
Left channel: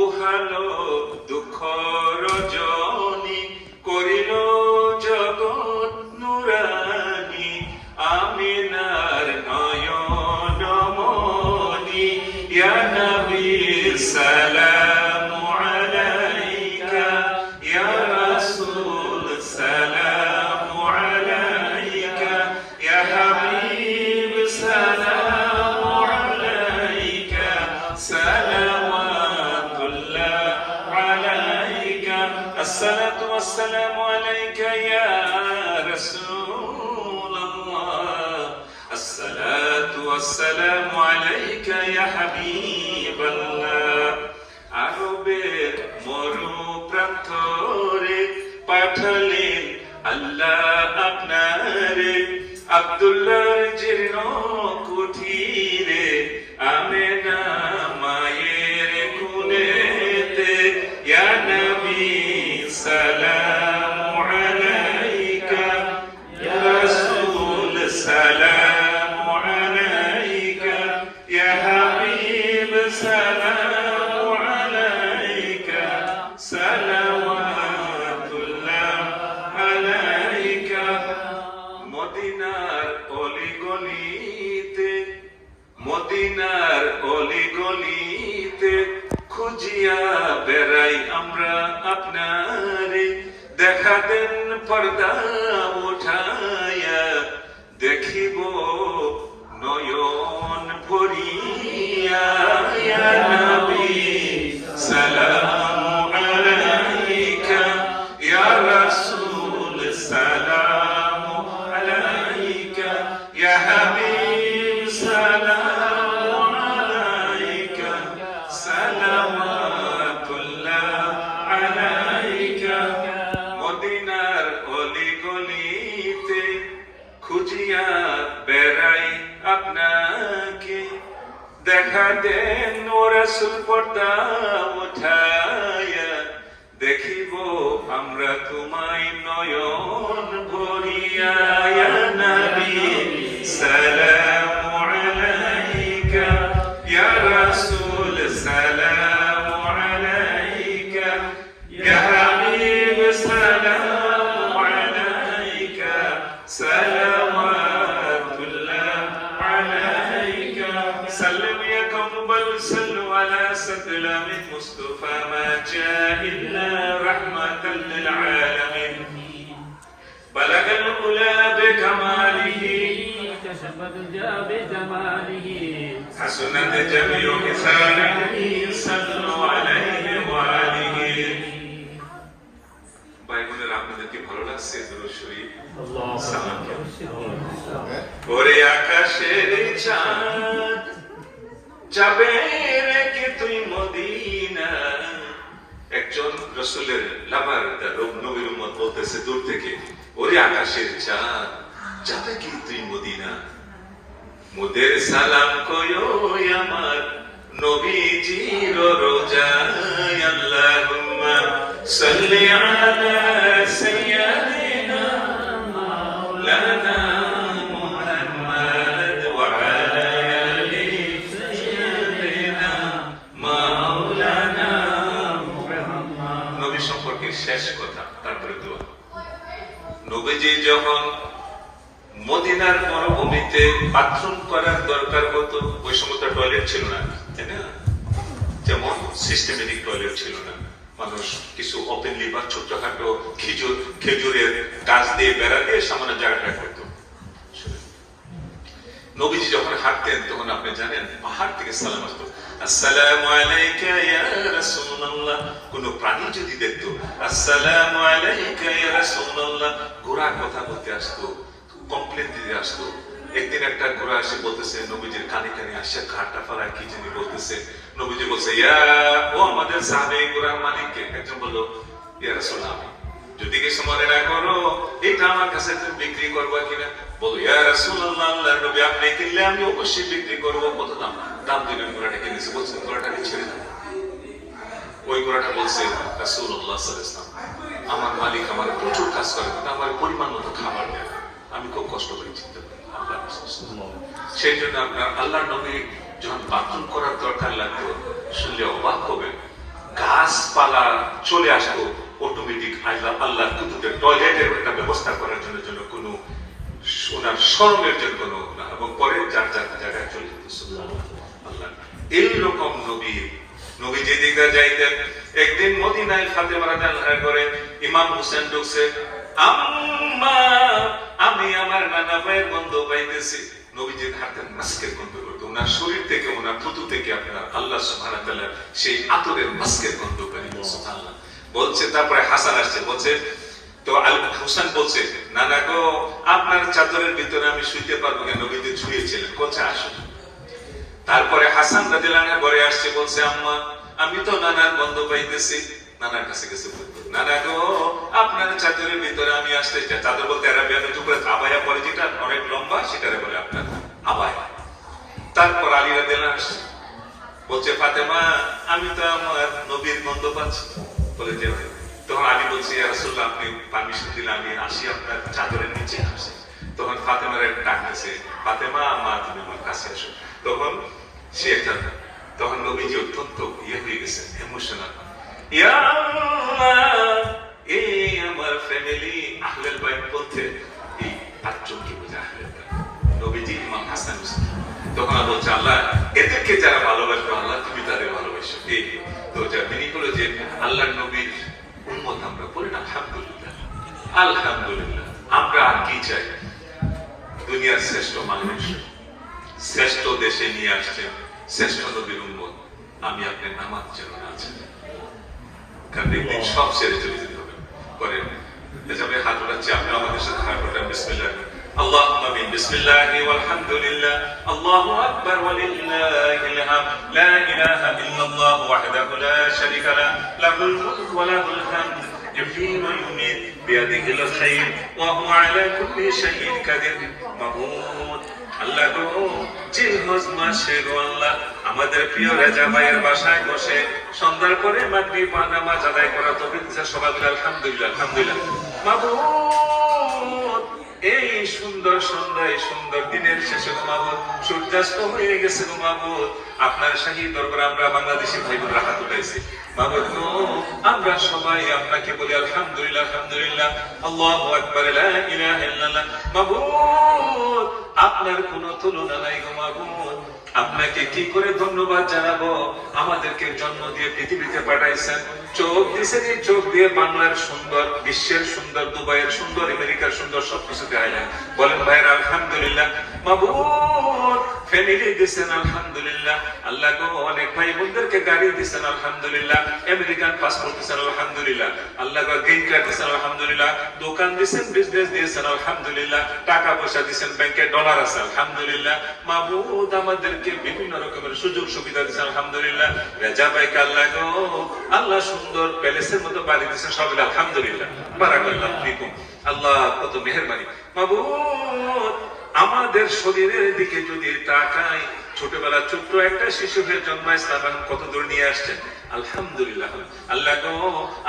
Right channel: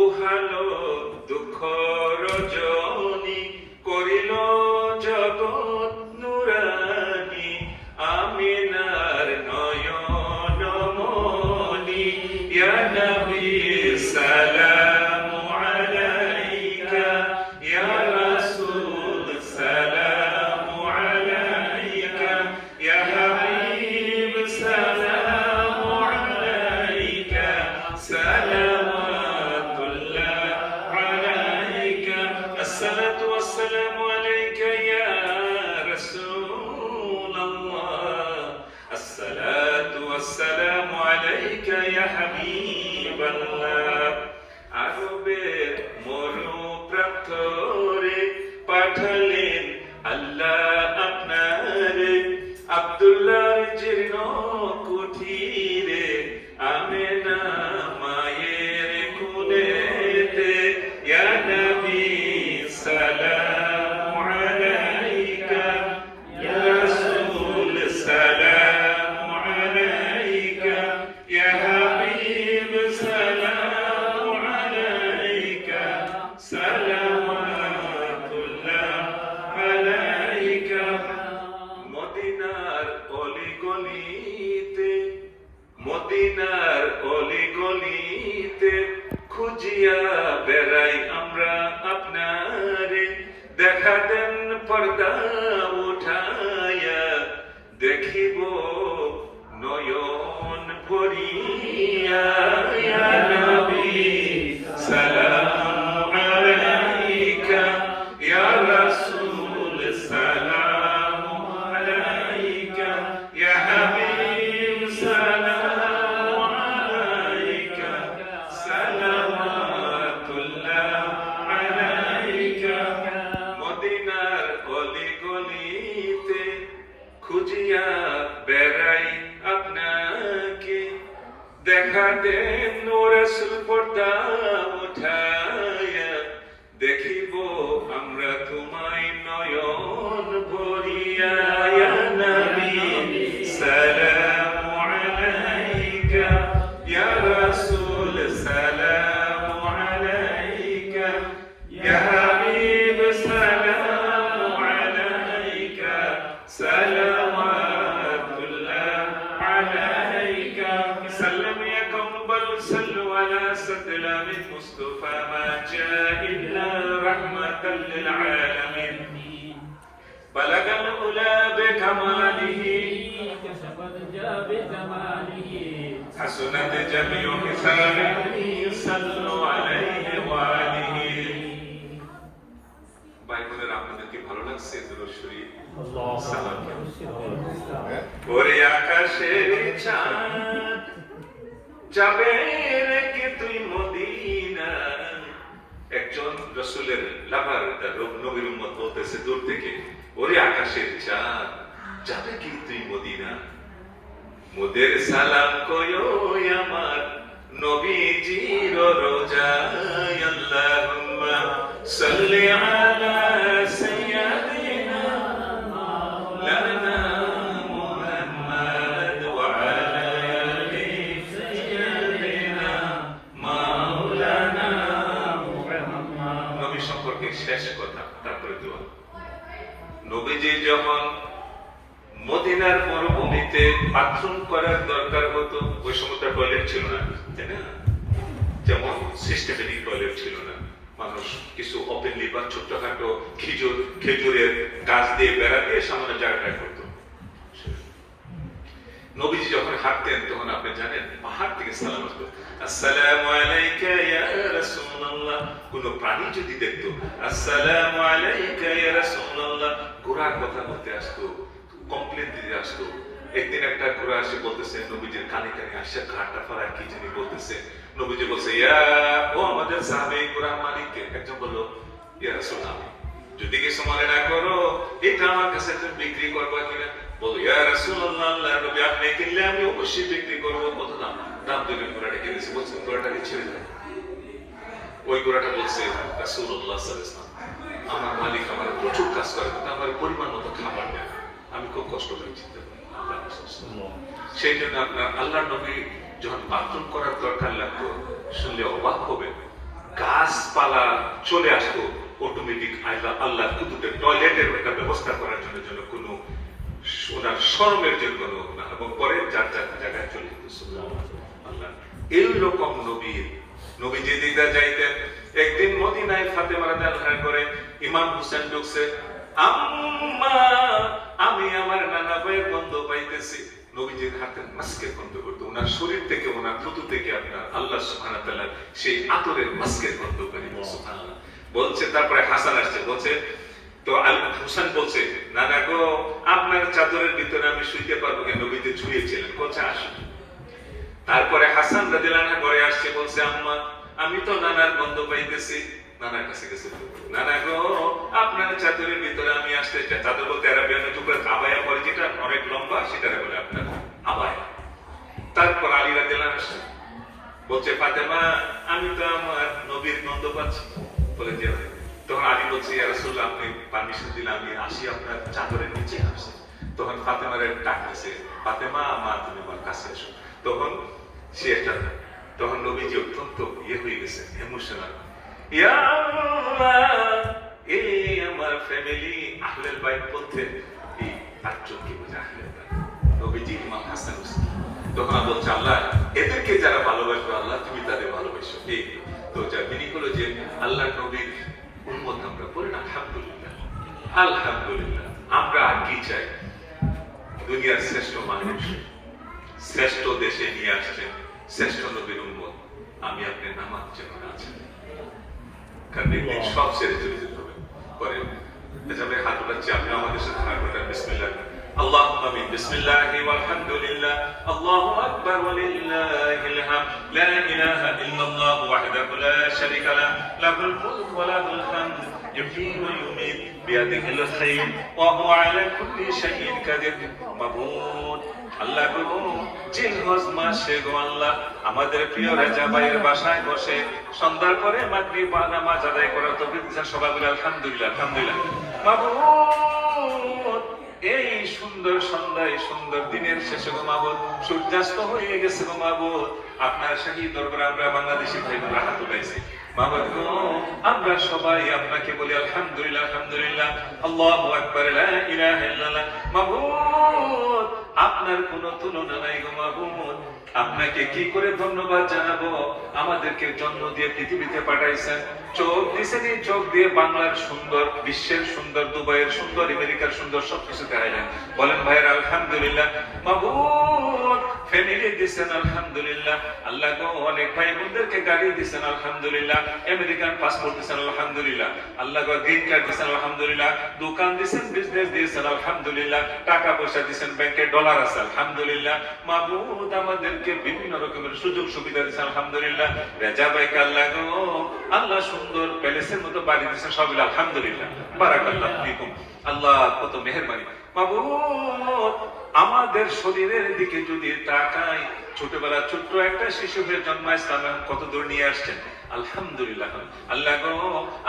উহালো দুঃখ রজনী, করিল জগৎ নুরানি আমিনার নয়ন মনি। ইয়া নবী সালামু আলাইকা, ইয়া রাসূল সালামু আলাইকা, ইয়া হাবিব সালামু আলাইকা, সালাওয়াতুল্লাহ আলাইকা। আসসালাতু ওয়াসসালামু আলাইকা ইয়া রাসূলুল্লাহ, আসসালাতু ওয়াসসালামু আলাইকা ইয়া হাবিবাল্লাহ। আরবের মরু প্রান্তরে পাঠালেন আল্লাহ আপনারে, আব্দুল্লাহর জীর্ণ কুঠিরে, আমেনা মায়ের কুলেতে। ইয়া নবী সালামু আলাইকা, ইয়া রাসূল সালামু আলাইকা, ইয়া হাবিব সালামু আলাইকা, সালাওয়াতুল্লাহ মদিনার অলিগলিতে খুঁজিয়া বেড়াই আমরা আপনারে, দেখা দেন পর্দা উঠাইয়া, দেখিব নয়ন ভরিয়া। ইয়া নবী সালামু আলাইকা, ইয়া রাসূল সালামু আলাইকা, ইয়া হাবিব সালামু আলাইকা, সালাওয়াতুল্লাহ আলাইকা। মদিনার অলিগলিতে খুঁজিয়া বেড়াই আপনাকে, দেখা দেন ও রাসূল পর্দা উঠাইয়া, দেখিব আমরা তোমায় নয়ন ভরিয়া। ইয়া নবী সালামু আলাইকা, ইয়া রাসূল সালামু আলাইকা, ইয়া হাবিব সালামু আলাইকা, সালাওয়াতুল্লাহ আলাইকা। সাল্লাম ইয়া কওম বাল সাল্লু আলা সালামিল মুস্তাফা মা জা ইল্লা রাহমাতাল লিল আলামিন। বালাগাল উলা বিকামালিহি, হাসুনাত জামিউ হিসানিহি, সাল্লু আলাইহি ওয়া আলিহি। ভাই বোনেরা, আপনাদের কি ভালো লাগছে দুরূদ শরীফ? সালাম। ওরে আকাশের চাঁদ যাবে রেখে তুই মদিনা। একজন রাসূলের লাভার, তার নবীর উম্মত বলতেছে দূর থেকে, ওরে আকাশের চাঁদ যাবে কি তুই মদিনা। মোদের সালাম কয়ো আমার নবীজির রোজায়। আল্লাহুম্মা সাল্লি আলা সাইয়্যিদিনা মাওলানা মুহাম্মদ ওয়া আলা আলি সাইয়্যিদিনা মাওলানা মুহাম্মদ। নবী সম্পর্কে শেষ কথা, তারপরে দোয়া। নবীজি যখন মদিনার মরুভূমিতে বাথরুম করার দরকার হতো, ওই সময় তো টয়লেট ছিল না, তাই না? যেমন সিস্টেমেটিক টয়লেট ছিল না, মানুষ কিছু ওপেনলি বা ছোটখাটো খেজুরের গাছ দিয়ে বেড়া দিয়ে সামান্য জায়গাটা করতো। নবীজি যখন হাঁটতেন তখন আপনি জানেন পাহাড় থেকে সালাম আসতো, আসসালামু আলাইকা ইয়া রাসূলুল্লাহ। কোন প্রাণী যদি দেখতো আসসালামু আলাইকা ইয়া রাসূলুল্লাহ, ঘোড়া কথা বলতে আসতো, কমপ্লেন দিতে আসতো। একদিন একটা ঘোড়া এসে বলতেছে নবীজির কানে কানে আসে, ঘাটটা ফাড়ায় কি জানি বলতেছে। নবীজি বলছে ইয়া, ও আমাদের সাহাবী ঘোড়ার মালিককে। একজন বলল ইয়া রাসূলুল্লাহ, আমি যদি কিছু মনে না করো এটা আমার কাছে তুমি বিক্রি করবা কিনা? বলো ইয়া রাসূলুল্লাহ, আল্লাহর নবী আপনি কিনলে আমি অবশ্যই বিক্রি করব। কত দাম? দাম দিবেন। ঘোড়াটা কিনেছে। বলছে ঘোড়াটা ছেড়ে দাও। ওই ঘোড়াটা বলছে রাসূলুল্লাহ সাল্লাল্লাহু আলাইহি ওয়াসাল্লাম, আমার মালিক আমার প্রচুর কাজ করে, কিন্তু আমার পরিমাণ মতো খাবার দেয়, আমি খুব কষ্ট করে চিনতে পারি। সেই জন্য আপনার আল্লাহর নবী যখন বাথরুম করার দরকার লাগতো, শুনলে অবাক হবেন, গাছপালা চলে আসতো অটোমেটিক। আল্লাহ কুতুবের টয়লেটের একটা ব্যবস্থা করার জন্য কোনো ওনার শরমের জন্য কোনো না, এবং পরে যার যার জায়গায় চলে যেত। আল্লাহ এইরকম নবী যে দিকটা যাইতেন। একদিন মদিনায় ফাতেমা রাদিয়াল্লাহু আনহা করে ইমাম হোসেন ঢুকছে, আম্মা আমি আমার নানা ভাইয়ের গন্ধ পাইতেছি। নবীজি হাঁটতেন, মাস্কের গন্ধ করতো, ওনার শরীর থেকে ওনার থুতু থেকে আপনার আল্লাহ সুবহানাহু ওয়া তাআলা সেই আতরের মাস্কের গন্ধ পাই। সুবহানাল্লাহ বলছে। তারপরে হাসান আসছে, বলছে তো হোসেন বলছে, নানা গো আপনার চাদরের ভিতরে আমি শুইতে পারবো কেন? নবীজি শুয়েছিলেন। বলছে আসুন। তারপরে হাসান রাদিয়াল্লাহু আনহু ঘরে আসছে, বলছে আম্মা আমি তো নানার গন্ধ পাইতেছি। নানার কাছে গেছে, নানা গো আপনার চাদরের ভিতরে আমি আসতে। চাদর বলতে আরবিয়ানের উপরে আবায়া পরে যেটা অনেক লম্বা, সেটারে বলে আপনার আবায়া। তারপর আলী রাদিয়াল্লাহু আনহু আসছে, বলছে ফাতেমা আমি তো আমার নবীর গন্ধ পাচ্ছি। বলে যে তখন আলী বলছে ইয়া রাসূলুল্লাহ আপনি পারমিশন দিলে আমি আসি আপনার চাদরের নিচে আসে। তখন ফাতেমার ডাক দিয়েছে, ফাতেমা মা তুমি আমার কাছে আসো। তখন সে একটা, তখন নবীজি অত্যন্ত হয়ে গেছে, ইমোশনাল। ইয়া আল্লাহ, এই আমার ফ্যামিলি আহলেল বাইত বলতে এই 5 জনকে বোঝা আহলেল বাইত। নবীজি ইমাম হাসান হুসাইন তখন আল্লাহ বলছে, আল্লাহ এদেরকে যারা ভালোবাসবে আল্লাহ তুমি তাদের ভালোবাসো। এই তো যা মিনিং হলো যে আল্লাহ নবীর উম্মত আমরা বলি না, আলহামদুলিল্লাহ আলহামদুলিল্লাহ। আমরা আর কি চাই? দুনিয়ার শ্রেষ্ঠ মানুষ শ্রেষ্ঠ দেশে নিয়ে আসছেন শ্রেষ্ঠ নবীর উম্মত, আমি আপনি নামাজ যেন না আছেন, কারণ একদিন সব ছেড়ে চলে যেতে হবে। করেন এভাবে হাত উঠাচ্ছি, আপনি আমাদের সাথে হাত উঠান। বিসমিল্লাহ, আল্লাহুম্মা আমিন। বিসমিল্লাহি ওয়াল হামদুলিল্লাহ, আল্লাহু আকবার ওয়া লিল্লাহিল হামদ, লা ইলাহা ইল্লাল্লাহু ওয়াহদাহু লা শারীকা লাহু, লাহুল মুলকু ওয়া লাহুল হামদ, يحيي ويميت بيده الخير وهو على كل شيء قدير। মাবুদ আল্লাহ গো, জিলহজ মাসে গো আল্লাহ আমাদের প্রিয় রাজা ভাইয়ের বাসায় বসে সন্ধ্যার পরে মাগরিব নামাজ আদায় করা তৌফিক দিয়েছেন। সবাই বলে আলহামদুলিল্লাহ আলহামদুলিল্লাহ। মাবুদ এই সুন্দর সন্ধ্যায় সুন্দর দিনের শেষে গো মাবুদ সূর্যাস্ত হয়ে গেছে গো মাবুদ, আপনার শাহী দরবারে আমরা বাংলাদেশি ভাই বোনেরা হাত উঠাইছি। মাবুদ গো, আমরা সবাই আপনাকে বলি আলহামদুলিল্লাহ আলহামদুলিল্লাহ, আল্লাহু আকবার, লা ইলাহা ইল্লাল্লাহ। মাবুদ আপনার কোনো তুলনা নাই গো মাবুদ, আপনাকে কি করে ধন্যবাদ জানাবো? আমাদেরকে জন্ম দিয়ে পৃথিবীতে পাঠাইছেন, চোখ দিয়েছেন, এই চোখ দিয়ে বাংলার সুন্দর, বিশ্বের সুন্দর, দুবাইয়ের সুন্দর, আমেরিকার সুন্দর সবকিছু দেখাইলেন। বলেন ভাইয়ের আলহামদুলিল্লাহ। মাবুদ ফ্যামিলি দিয়েছেন আলহামদুলিল্লাহ। আল্লাহ গো, অনেক ভাই বোনদেরকে গাড়ি দিয়েছেন আলহামদুলিল্লাহ, আমেরিকান পাসপোর্ট দিয়েছেন আলহামদুলিল্লাহ। আল্লাহ গো, গ্রিন কার্ড দিয়েছেন আলহামদুলিল্লাহ, দোকান দিয়েছেন, বিজনেস দিয়েছেন আলহামদুলিল্লাহ, টাকা পয়সা দিয়েছেন, ব্যাংকে ডলার আছে আলহামদুলিল্লাহ। মাবুদ আমাদেরকে বিভিন্ন রকমের সুযোগ সুবিধা দিয়েছেন আলহামদুলিল্লাহ। রাজা ভাইকে আল্লাহ গো, আল্লাহ সুন্দর প্যালেসের মতো বাড়ি দিয়েছেন, সব আলহামদুলিল্লাহ, বারাকাল্লাহু ফিকুম। আল্লাহ কত মেহেরবানি। মাবুদ আমাদের শরীরের দিকে যদি তাকাই, ছোটবেলা ছোট্ট একটা শিশু হয়ে জন্মাইছে, কত দূর নিয়ে আসছেন আলহামদুলিল্লাহ। আল্লাহ গো,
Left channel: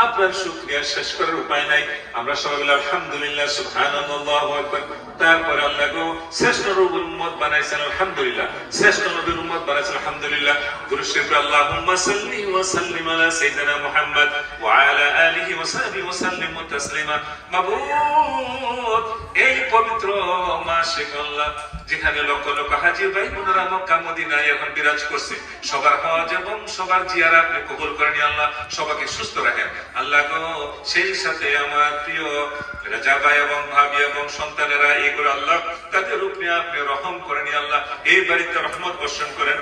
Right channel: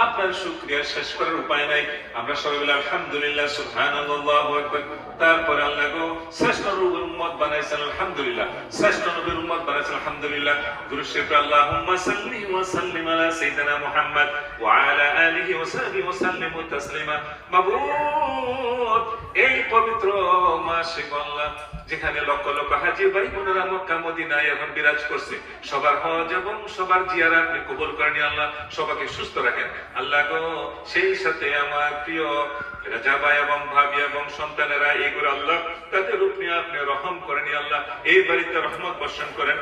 আপনার শুকরিয়া শেষ করার উপায় নাই। আমরা সবাই বলি আলহামদুলিল্লাহ, সুবহানাল্লাহু আকবার। তারপরে আল্লাহ গো, শ্রেষ্ঠ নবীর উম্মত বানাইছেন আলহামদুলিল্লাহ, শ্রেষ্ঠ নবীর উম্মত বানাইছেন আলহামদুলিল্লাহ। দুরূদ শরীফ, আল্লাহুম্মা সাল্লি ওয়া সাল্লিম আলা সাইয়্যিদিনা মুহাম্মদ ওয়া আলা আলিহি ওয়া সাহবিহি ওয়া সাল্লিম তাসলিমা। মাবুদ এই পবিত্র মাসে আল্লাহ, যেখানে লক্ষ লক্ষ হাজী ভাই বোনেরা মক্কা মদিনায় এখন বিরাজ করছে, সবার হজ এবং সবার জিয়ারত আপনি কবুল করেন আল্লাহ, সবাইকে সুস্থ রাখেন আল্লাহ গো। সেই সাথে আমার প্রিয় রাজা ভাই এবং ভাবি এবং সন্তানেরা, এইগুলো আল্লাহ তাদের উপরে আপনি রহম করেন আল্লাহ, এই বাড়িতে রহমত বর্ষণ করেন।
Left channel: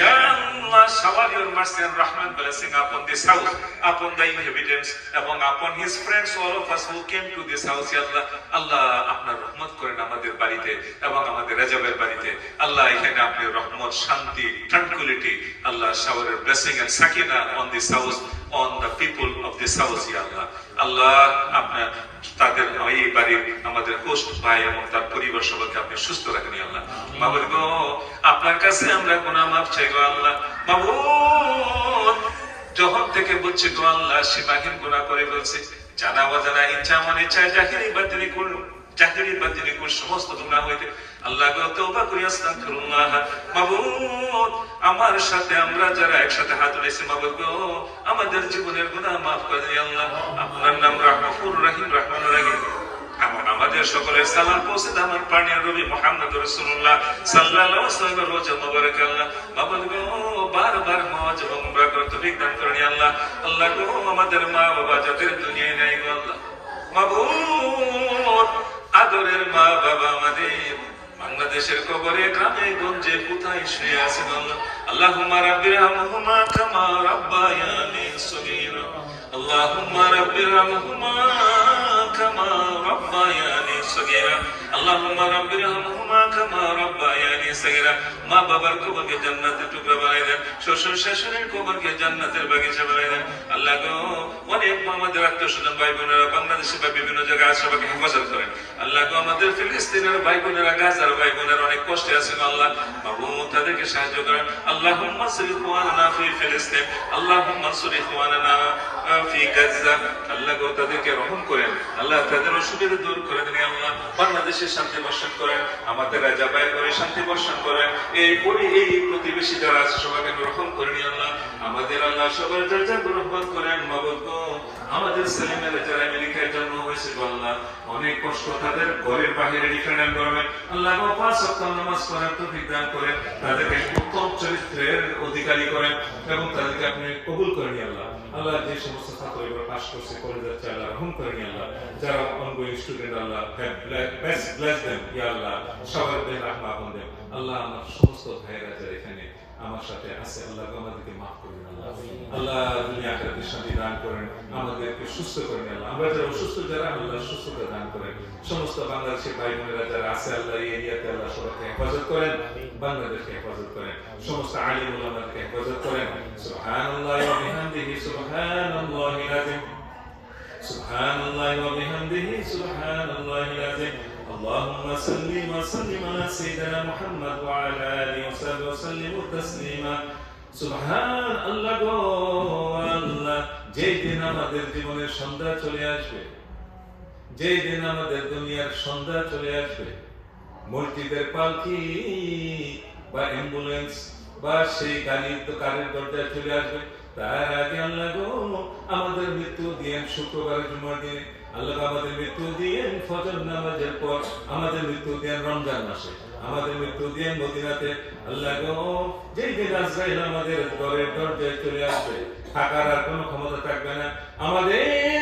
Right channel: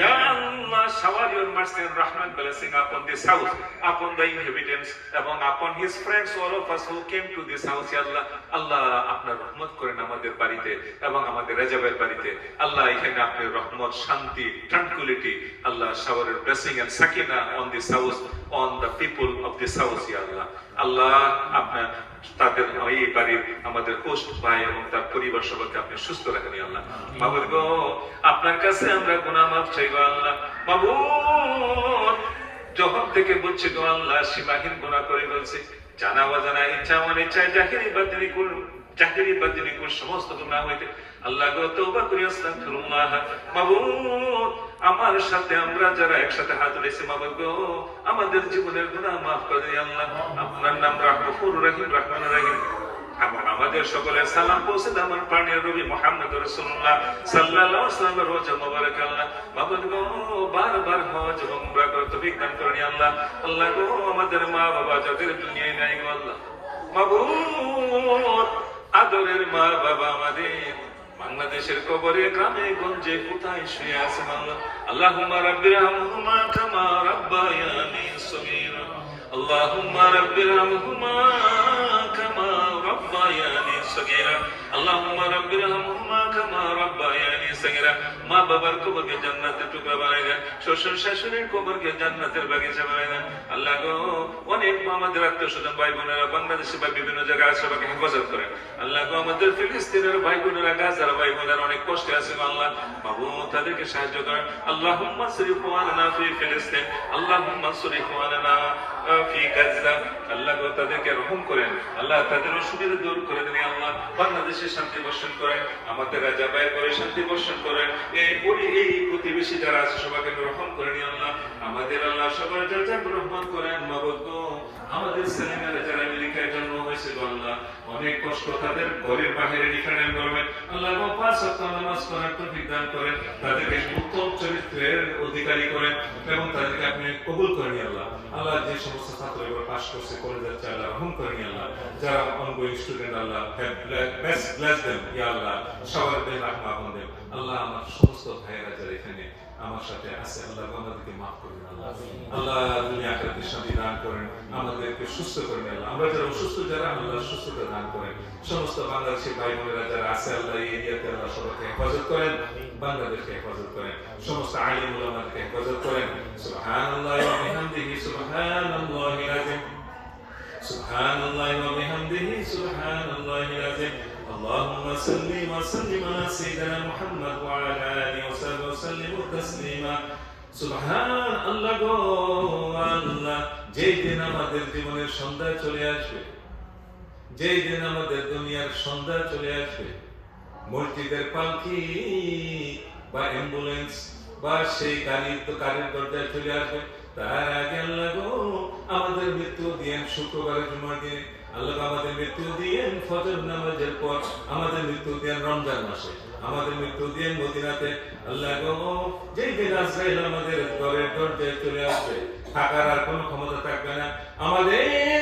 Ya Allah, shower your mercy and rahmat blessing upon this house, upon the inhabitants, এবং upon his friends, all of us who came to this house. Ya Allah, আল্লাহ আপনার রহমত করেন আমাদের বাড়িতে এবং আমাদের রাজাবের বাড়িতে। আল্লাহ এখানে আপনি রহমত, শান্তি, tranquility, Allah shower your blessing and sakina on this house, on the people of this house. Ya Allah, আল্লাহ আপনার তাদের এই বাড়ির আমাদের হোস্ট ভাই এবং তার পরিবার সবাইকে আপনি সুস্থ রাখেন আল্লাহ। মাবুদ গো, আপনার কাছে আমরা গুনাহ মাফ চাই গো আল্লাহ। মাবুদ যখন থেকে বলছি গো আল্লাহ, সীমাহীন গুনাহ করে বলছি, জানা অজানা, ইচ্ছা অনিচ্ছায়, জাহিরি বাতিনি কুল, জাহিরি বাতিনি কুল সমস্ত গুনাহ হইতে আল্লাহ গো তওবা করি, আস্তাগফিরুল্লাহ। মাবুদ আমার সাথে আমরা যারা একসাথে হাত উঠাইছি, মাবুদ গো আমাদের জীবনের গুনাহ মাফ করে দিন আল্লাহ। আপনার নাম রহমাতুর রহিম, রহমানুর রহিম। আমাদের সকলের সালাম পৌঁছে দেন আমার প্রাণের নবী মুহাম্মদ রাসূলুল্লাহ সাল্লাল্লাহু আলাইহি ওয়াসাল্লামের রওজা মুবারক আল্লাহ। মাবুদ গো বারবার হজ এবং উমরা করতে তৌফিক দান করুন আল্লাহ। আল্লাহ গো আমাদের মা বাবা যাদের দুনিয়ায় নাই গো আল্লাহ, মাবুদ আদরের মা বাবা আমাদের বাংলাদেশের কবরে, গ্রামে গঞ্জে কোথায় শুয়ে আছেন আল্লাহ। আল্লাহুম্মা রাব্বিরহামহুমা কামা রাব্বায়ানি সগীরা, আল্লাহুম্মা রাব্বিরহামহুমা কামা রাব্বায়ানি সগীরা, আল্লাহুম্মা রাব্বিরহামহুমা কামা রাব্বায়ানি সগীরা। মা বাবার কবরকে জান্নাতের টুকরা বানাই দেন, শ্বশুর শাশুড়ির কবরকে জান্নাতের বাগিচা বানাই দেন আল্লাহ গো। অনেক আমাদের আত্মীয় স্বজন ভাই বোনেরা বাংলাদেশে বা বিভিন্ন জায়গায় আছে, সবাইকে হেফাজত করেন আল্লাহ গো। আমাদের ফিলিস্তিনের ভাই বোনেরা, গাজার ভাই বোনেরা অনেক কষ্টে আছে আল্লাহ, বাবু তাদেরকে সাহায্য করেন। আল্লাহুম্মা সরিফ ওয়ালানা ফি ফিলিস্তিন, আল্লাহুম্মা সরিফ ওয়ালানা ফি গাজা, আল্লাহ গো তাদেরকে রহম করেন আল্লাহ, তাদের অসুবিধা দূর করে দেন আল্লাহ। বাংলাদেশে শান্তি বর্ষণ করেন, আমাদের রাজা ভাই করে শান্তি বর্ষণ করেন। এই প্রতিবেশী যারা আছে সবাইকে রহম করেন আল্লাহ, আমাদের আল্লাহ সবার যার রহমত করেন। মাবুদ গো আমাদের ছেলেমেয়েরা যারা আমেরিকায় জন্ম হয়েছে আল্লাহ অনেক কষ্ট, তাদের ঘরের বাহিরে ডিফারেন্ট এনভায়রনমেন্ট, আল্লাহ পাঁচ ওয়াক্ত নামাজ পড়ার তৌফিক দান করেন, তাদেরকে উত্তম চরিত্রের অধিকারী করেন এবং তাদেরকে আপনি কবুল করেন আল্লাহ। আল্লাহ যে সমস্ত ছাত্র এবার পাস করছে কলেজ যাচ্ছে আল্লাহ রহম করেন আল্লাহ, যারা অনগোয়িং স্টুডেন্ট আল্লাহ ব্লেস দেম ইয়া আল্লাহ, সবার দেন রাহমা দেন আল্লাহ। আমার সমস্ত ভাইয়েরা যারা এখানে আমার সাথে আছে আল্লাহ আমাদেরকে মাফ করবেন আল্লাহ। আল্লাহ দুনিয়া আখিরাতে শান্তি দান করেন, আমাদেরকে সুস্থ করেন আল্লাহ। আমরা যারা অসুস্থ যারা আল্লাহ সুস্থতা দান করেন। সমস্ত বাংলাদেশের ভাই বোনেরা যারা আছে আল্লাহ এই এরিয়াতে আল্লাহ সবাইকে হেফাজত করেন, বাংলাদেশকে হেফাজত করেন, সমস্ত আলিম উলামাকে হেফাজত করেন। সুবহানাল্লাহি ওয়া বিহামদিহি সুবহানাল্লাহিল আযীম, সুবহানাল্লাহি ওয়া বিহামদিহি সুবহানাল্লাহিল আযীম। اللهم صل وسلم على سيدنا محمد وعلى اله وصحبه وسلم تسليما সুবহান আল্লাহ গো আল্লাহ, যেই দিন আমাদের জীবনের সন্ধ্যা চলে আসবে, যেই দিন আমাদের দুনিয়ার সন্ধ্যা চলে আসবে, মসজিদের পালকি বা অ্যাম্বুলেন্স বা সেই গাড়ির দরজায় চলে আসবে, তার আগে আল্লাহ গো আমাদের মৃত্যু দিয়েন শুক্রবার জুমার দিনে, আল্লাহ আমাদের মৃত্যু দিয়েন ফজর নামাজের পর, আমাদের মৃত্যু দিয়েন রমজান মাসে, আমাদের মৃত্যু দিয়েন মদিনাতে আল্লাহ গো। যেই দিন আজরাইল আমাদের ঘরের দরজায় চলে আসবে, থাকার আর কোনো ক্ষমতা থাকবে না, আমাদের